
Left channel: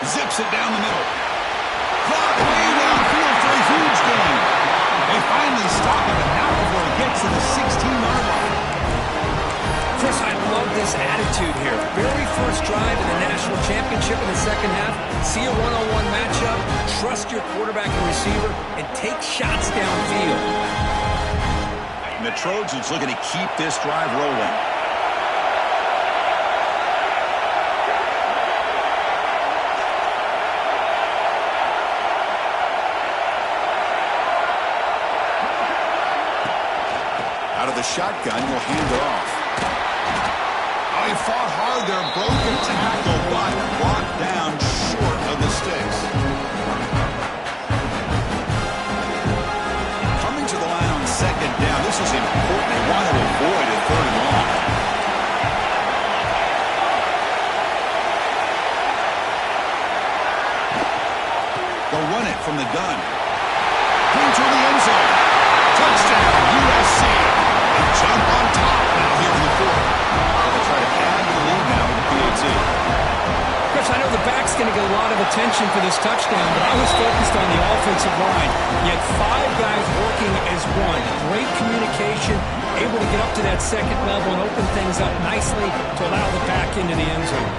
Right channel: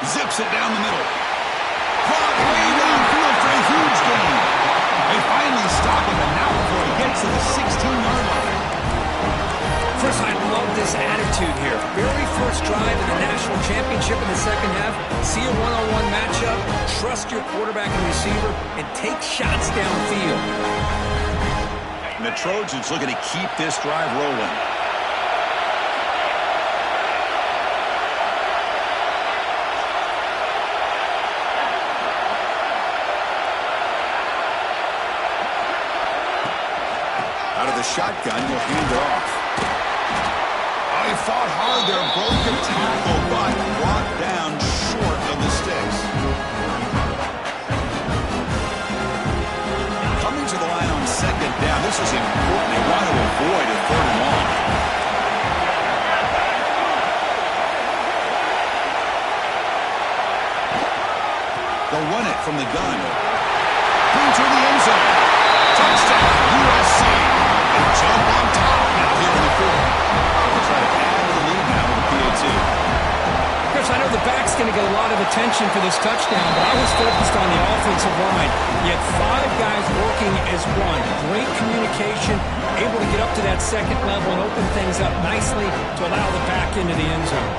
Zips it down the middle. Caught way downfield for a huge gain. They finally stop him, and now before he gets to the 16-yard line. Chris, I love this attitude here. Very first drive in the national championship in the second half. See a one-on-one matchup, trust your quarterback and receiver, and take shots downfield. And the Trojans looking to keep this drive rolling. Out of the shotgun, he'll hand it off. Oh, he fought hard there, broke a tackle, but brought down short of the sticks. Coming to the line on second down, this is important. They want to avoid a third and long. They'll run it from the gun. Into the end zone. Touchdown, USC. They jump on top now here in the fourth. They'll try to add to the lead now with the PAT. Chris, I know the back's going to get a lot of attention for this touchdown, but I was focused on the offensive line. You had 5 guys working as one. Great communication, able to get up to that second level and open things up nicely to allow the back into the end zone.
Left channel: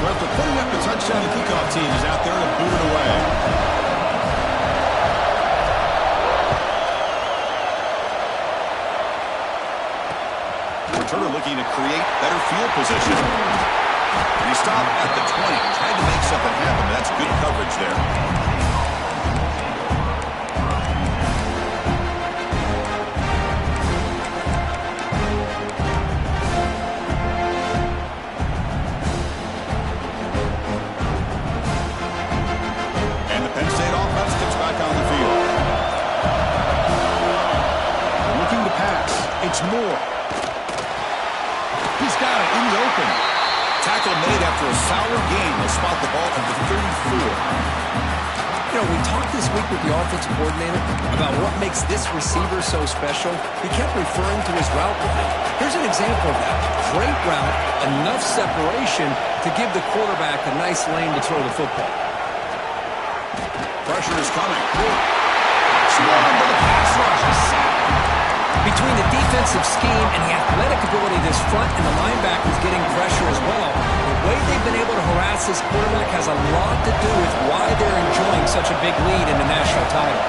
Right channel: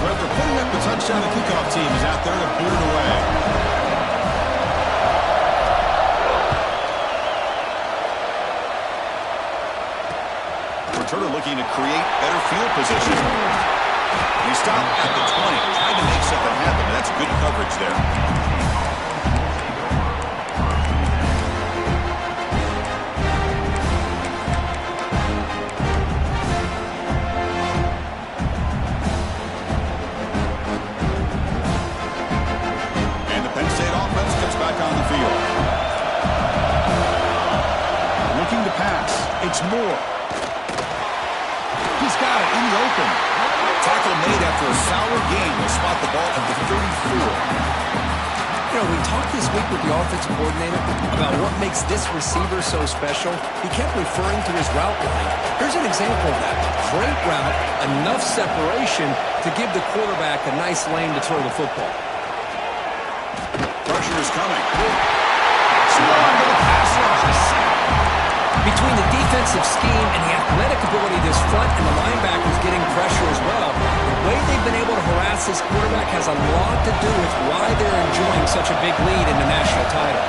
So after putting up the touchdown, the kickoff team is out there to boot it away. Returner looking to create better field position. And he stopped at the 20, trying to make something happen, but that's good coverage there. And the Penn State offense comes back on the field. Looking to pass. It's Moore. He's got it in the open. Tackle made after a Fowler gain. They'll spot the ball at the 34. You know, we talked this week with the offensive coordinator about what makes this receiver so special. He kept referring to his route running. Here's an example of that. Great route, enough separation to give the quarterback a nice lane to throw the football. Pressure is coming. Swarm to the pass rush. A sack. Between the defensive scheme and the athletic ability of this front and the linebackers getting pressure as well, the way they've been able to harass this quarterback has a lot to do with why they're enjoying such a big lead in the national title.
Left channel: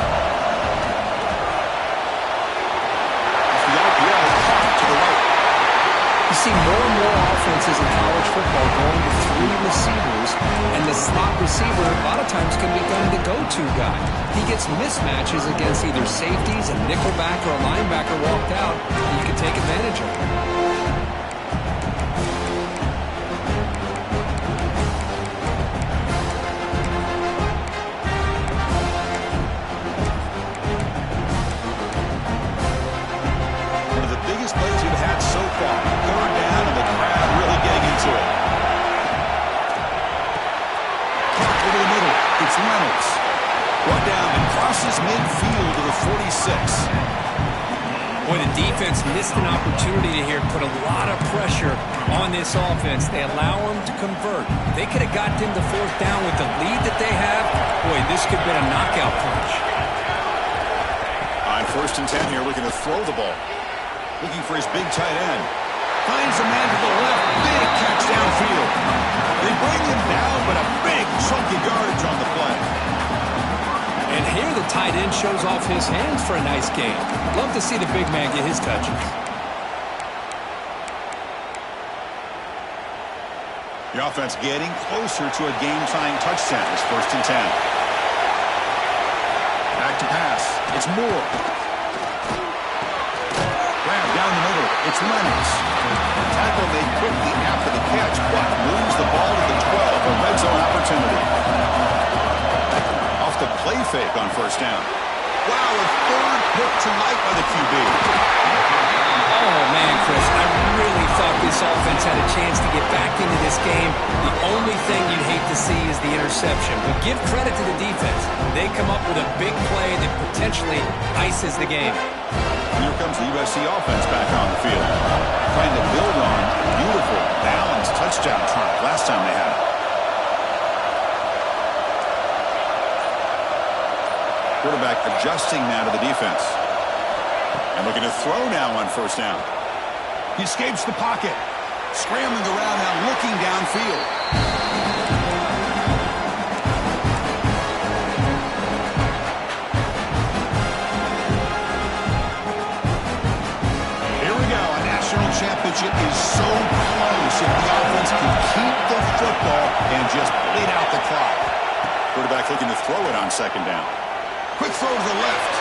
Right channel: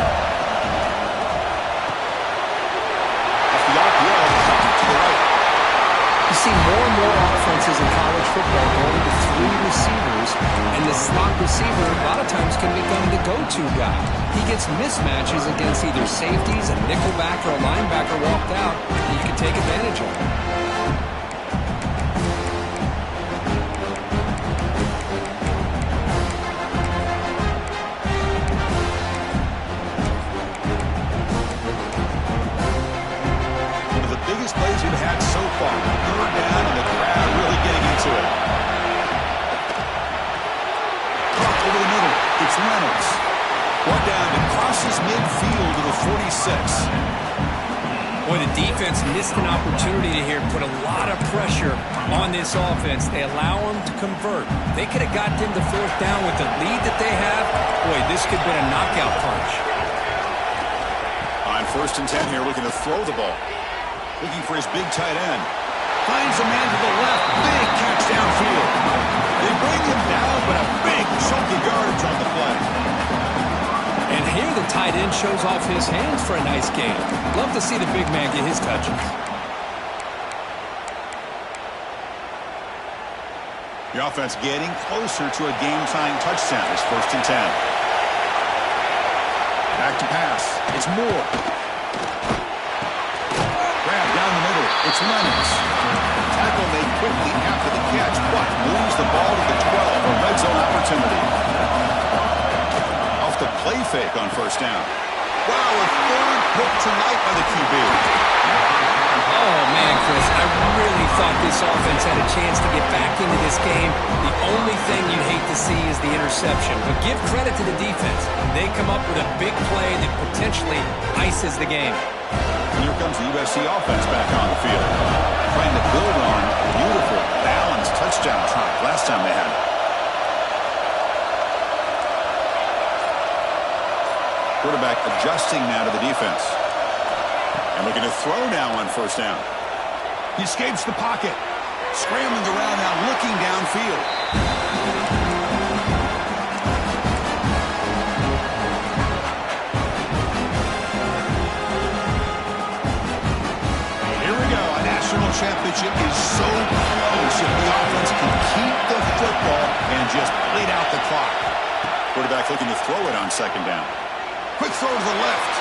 Off the RPO, to the right. You see more and more offenses in college football going to 3 receivers, and the slot receiver a lot of times can become the go-to guy. He gets mismatches against either safeties, a nickelback, or a linebacker walked out, and you can take advantage of it. One of the biggest plays we've had so far. Third down, and the crowd really getting into it. Caught over the middle. It's Reynolds. Brought down and crosses midfield to the 46. Boy, the defense missed an opportunity here, put a lot of pressure on this offense. They allow them to convert. They could have got them to 4th down with the lead that they have. Boy, this could have been a knockout punch. On 1st and 10 here, looking to throw the ball. Looking for his big tight end. Finds a man to the left. Big catch downfield. They bring him down, but a big chunky yardage on the play. And here the tight end shows off his hands for a nice game. Love to see the big man get his touches. The offense getting closer to a game-tying touchdown. It's 1st and 10. Back to pass. It's Moore. Grab down the middle. It's Reynolds. Tackle made quickly after the catch, but moves the ball to the 12. A red zone opportunity. Off the play fake on 1st down. Wow, a 3rd pick tonight by the QB. Oh, man, Chris, I really thought this offense had a chance to get back into this game. The only thing you'd hate to see is the interception. But give credit to the defense. They come up with a big play that potentially ices the game. And here comes the USC offense back on the field. Trying to build on a beautiful, balanced touchdown drive last time they had it. Quarterback adjusting now to the defense. And looking to throw now on first down. He escapes the pocket. Scrambling around now, looking downfield. Here we go. A national championship is so close if the offense can keep the football and just bleed out the clock. Quarterback looking to throw it on second down. Quick throw to the left.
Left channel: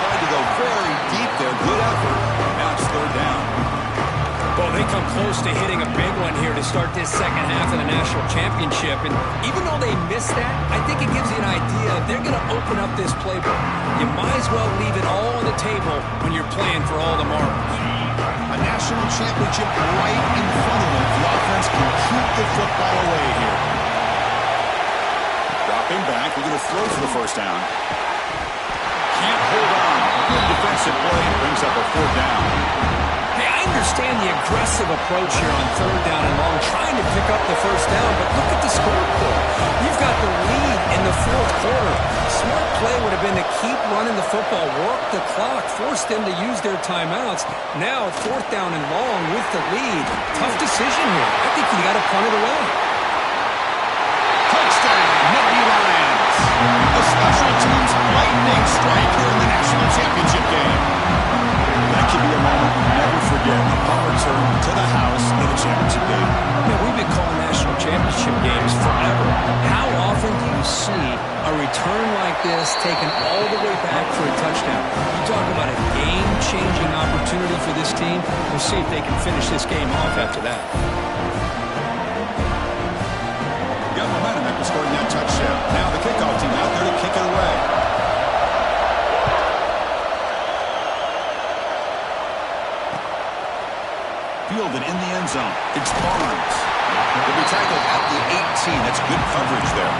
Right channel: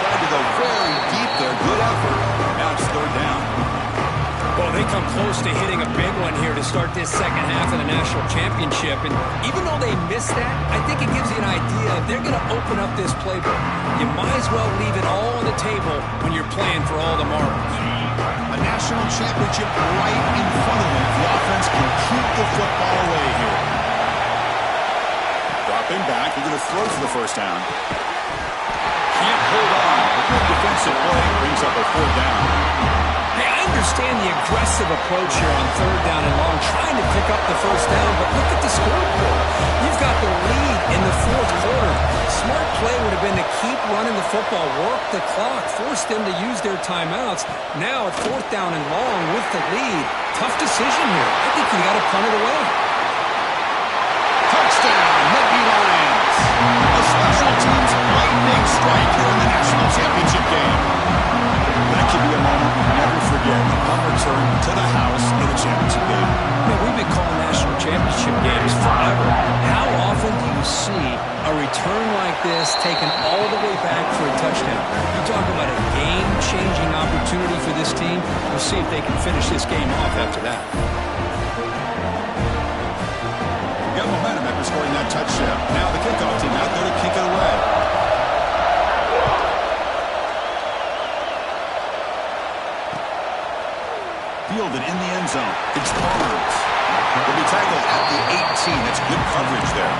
Tried to go very deep there. Good effort. Now it's third down. Well, they come close to hitting a big one here to start this second half of the national championship. And even though they missed that, I think it gives you an idea. They're going to open up this playbook. You might as well leave it all on the table when you're playing for all the marbles. A national championship right in front of them. The offense can keep the football away here. Dropping back. We're going to throw for the first down. Can't hold on. Good defensive play. Brings up a fourth down. Hey, I understand the aggressive approach here on third down and long, trying to pick up the first down, but look at the scoreboard. You've got the lead in the fourth quarter. Smart play would have been to keep running the football, work the clock, force them to use their timeouts. Now at fourth down and long with the lead. Tough decision here. I think you got to punt it away. Touchdown, Nittany Lions. A special teams lightning strike here in the national championship game. That could be a moment we'll never forget. A punt return to the house in a championship game. Man, we've been calling national championship games forever. How often do you see a return like this taken all the way back for a touchdown? You talk about a game-changing opportunity for this team. We'll see if they can finish this game off after that. Got momentum after scoring that touchdown. Now the kickoff team out there to kick it away. Fielded in the end zone. It's Barnes. He'll be tackled at the 18. That's good coverage there.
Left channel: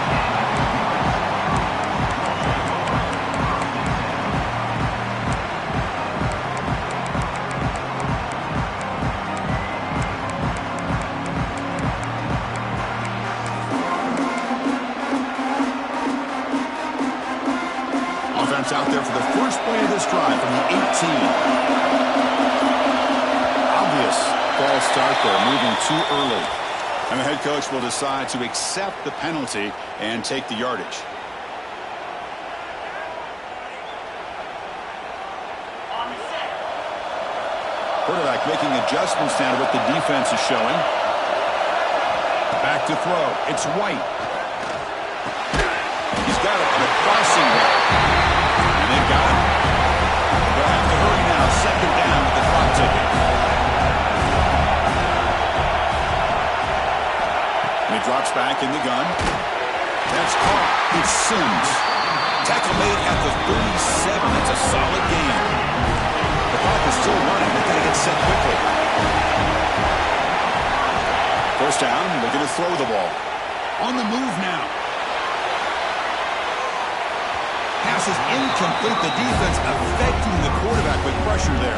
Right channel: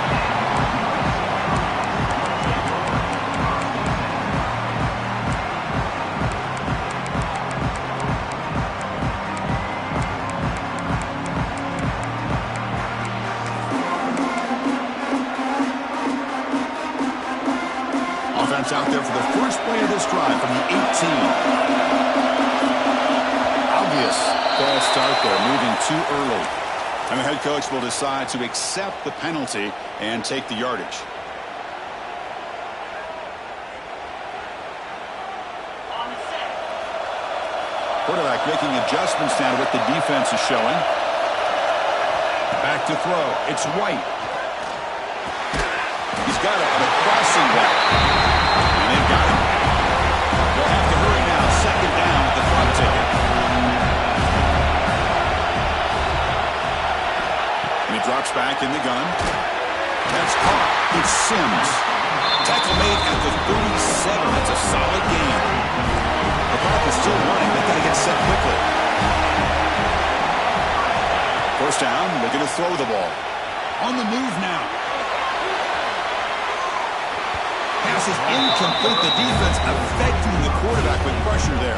Offense out there for the first play of this drive from the 18. Obvious false start there, moving too early. And the head coach will decide to accept the penalty and take the yardage. Quarterback making adjustments now to what the defense is showing. Back to throw. It's White. He's got it on a crossing route. And they've got him. They'll have to hurry now. Second down with the clock ticking. And he drops back in the gun. That's caught. It's Sims. Tackle made at the 37. That's a solid gain. The clock is still running. They've got to get set quickly. First down. They're going to throw the ball. On the move now. Pass is incomplete. The defense affecting the quarterback with pressure there.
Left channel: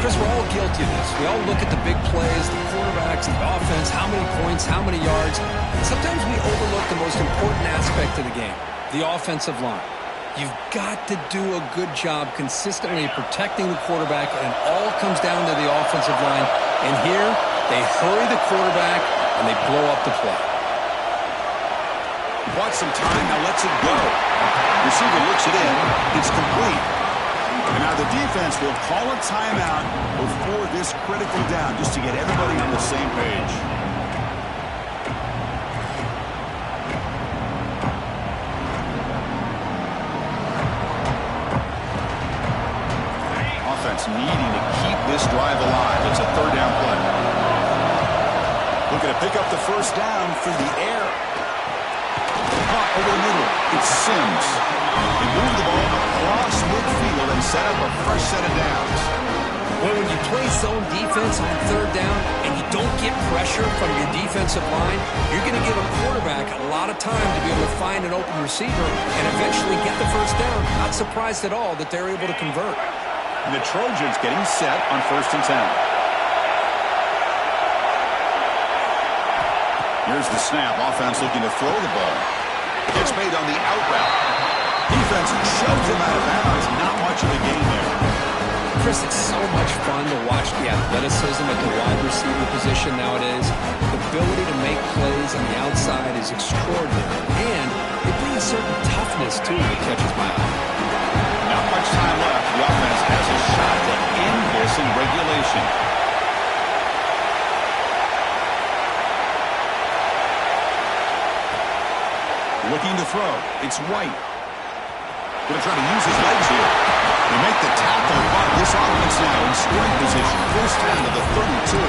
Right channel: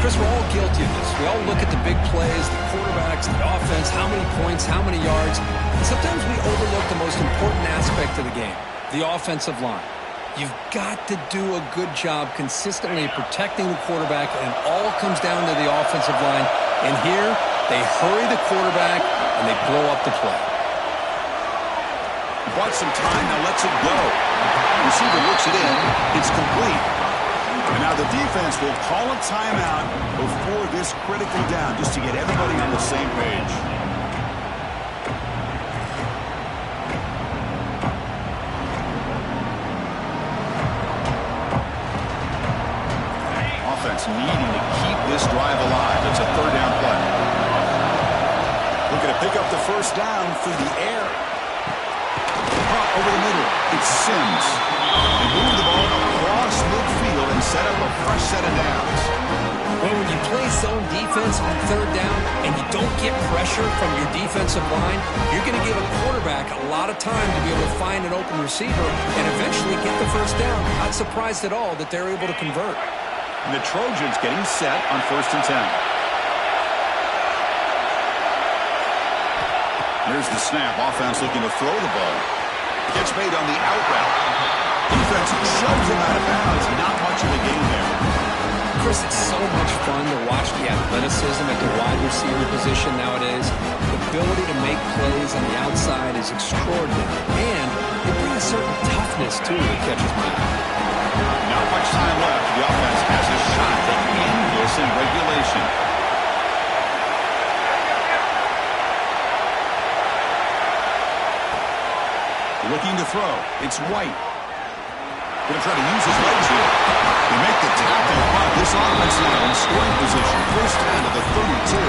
Chris, we're all guilty of this. We all look at the big plays, the quarterbacks, the offense, how many points, how many yards. And sometimes we overlook the most important aspect of the game, the offensive line. You've got to do a good job consistently protecting the quarterback, and it all comes down to the offensive line. And here, they hurry the quarterback, and they blow up the play. Bought some time, now lets it go. Receiver looks it in. It's complete. And now the defense will call a timeout before this critical down, just to get everybody on the same page. Offense needing to keep this drive alive. It's a third down play. Looking to pick up the first down through the air. Caught over the middle. It's Sims. They move the ball across midfield and set up a fresh set of downs. Well, when you play zone defense on third down and you don't get pressure from your defensive line, you're going to give a quarterback a lot of time to be able to find an open receiver and eventually get the first down. Not surprised at all that they're able to convert. And the Trojans getting set on 1st and 10. Here's the snap. Offense looking to throw the ball. It's made on the out route. Defense shoves him out of bounds. Not much of a gain there. Chris, it's so much fun to watch the athleticism at the wide receiver position nowadays. The ability to make plays on the outside is extraordinary. And they bring a certain toughness, too, that catches my eye. Not much time left. The offense has a shot to end this in regulation. Looking to throw. It's White. Going to try to use his legs here. They make the tackle, but this offense now in scoring position. First down to the 32.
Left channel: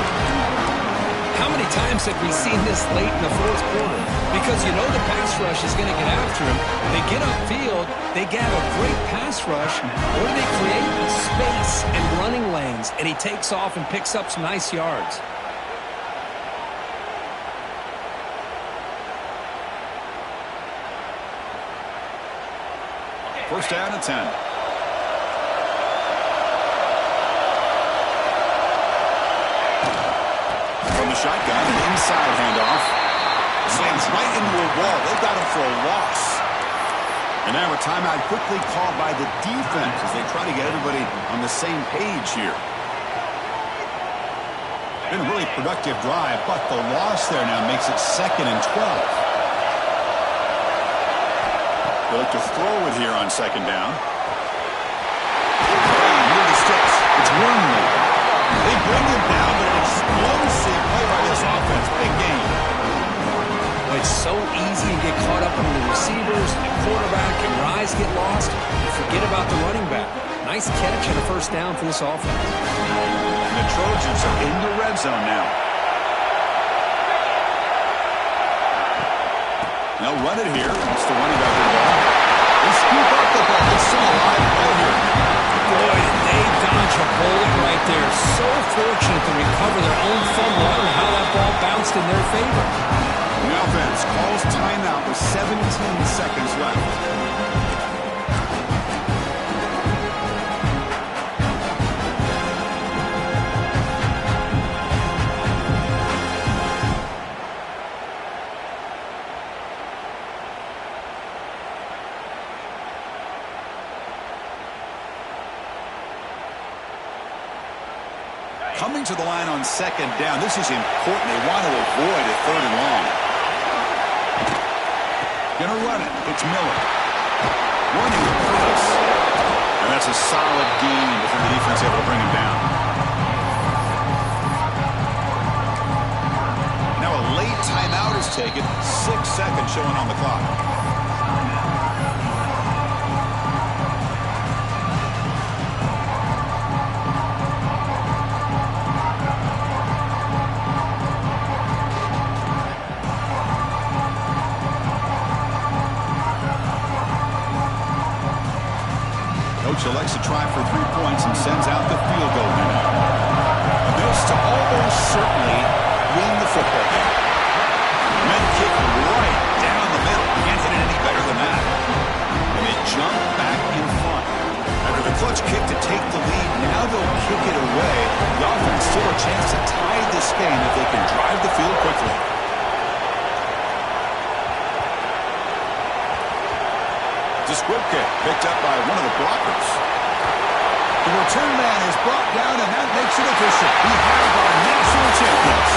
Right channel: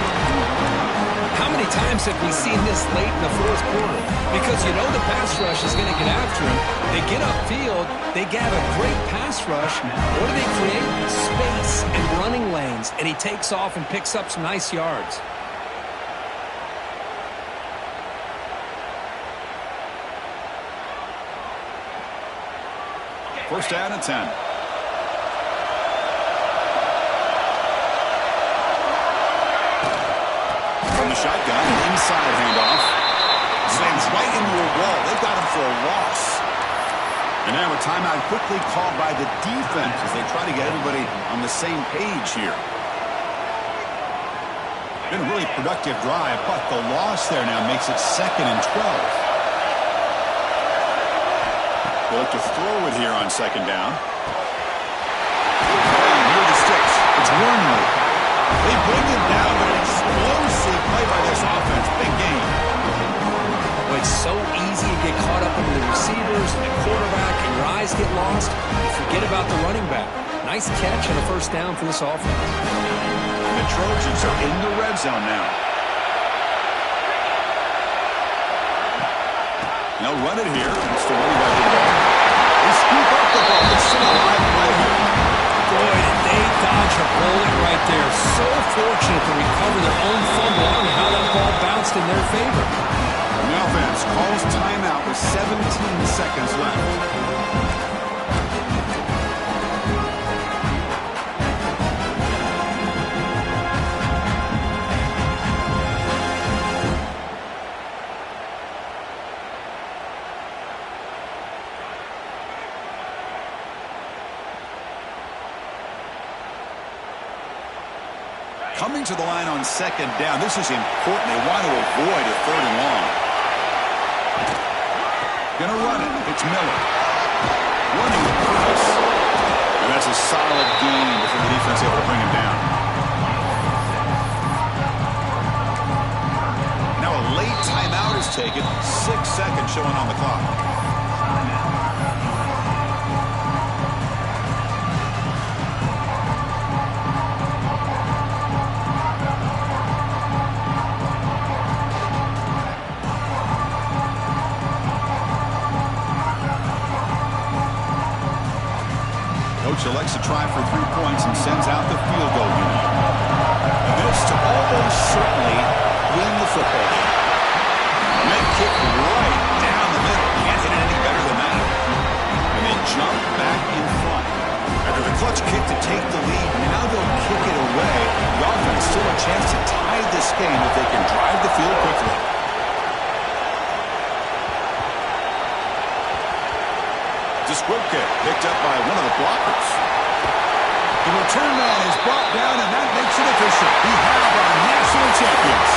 How many times have we seen this late in the fourth quarter? Because you know the pass rush is going to get after him. They get upfield. They have a great pass rush. What do they create? Space and running lanes. And he takes off and picks up some nice yards. First down at 10. From the shotgun, an inside handoff. Slams right into a wall. They've got him for a loss. And now a timeout quickly called by the defense as they try to get everybody on the same page here. Been a really productive drive, but the loss there now makes it 2nd and 12. They look to throw it here on 2nd down. Near the sticks. It's Wormley. They bring him down, but an explosive play by this offense. Big game. Well, it's so easy to get caught up in the receivers, the quarterback, and your eyes get lost. You forget about the running back. Nice catch and a first down for this offense. And the Trojans are in the red zone now. They'll run it here. It's the running back of the ball. They scoop up the ball. It's still a live play here. Boy, did they dodge a bullet right there. So fortunate to recover their own fumble. I don't know how that ball bounced in their favor. The offense calls timeout with 17 seconds left. Coming to the line on 2nd down. This is important. They want to avoid a 3rd and long. Gonna run it. It's Miller. Running the pass. And that's a solid gain before the defense able to bring him down. Now a late timeout is taken. 6 seconds showing on the clock. Coach elects to try for 3 points and sends out the field goal unit. And this to almost certainly win the football game. Med kick right down the middle. Can't hit it any better than that. And they jump back in front. After the clutch kick to take the lead, now they'll kick it away. The offense still a chance to tie this game if they can drive the field quickly. Squibka picked up by one of the blockers. The return man is brought down, and that makes it official. We have our national champions.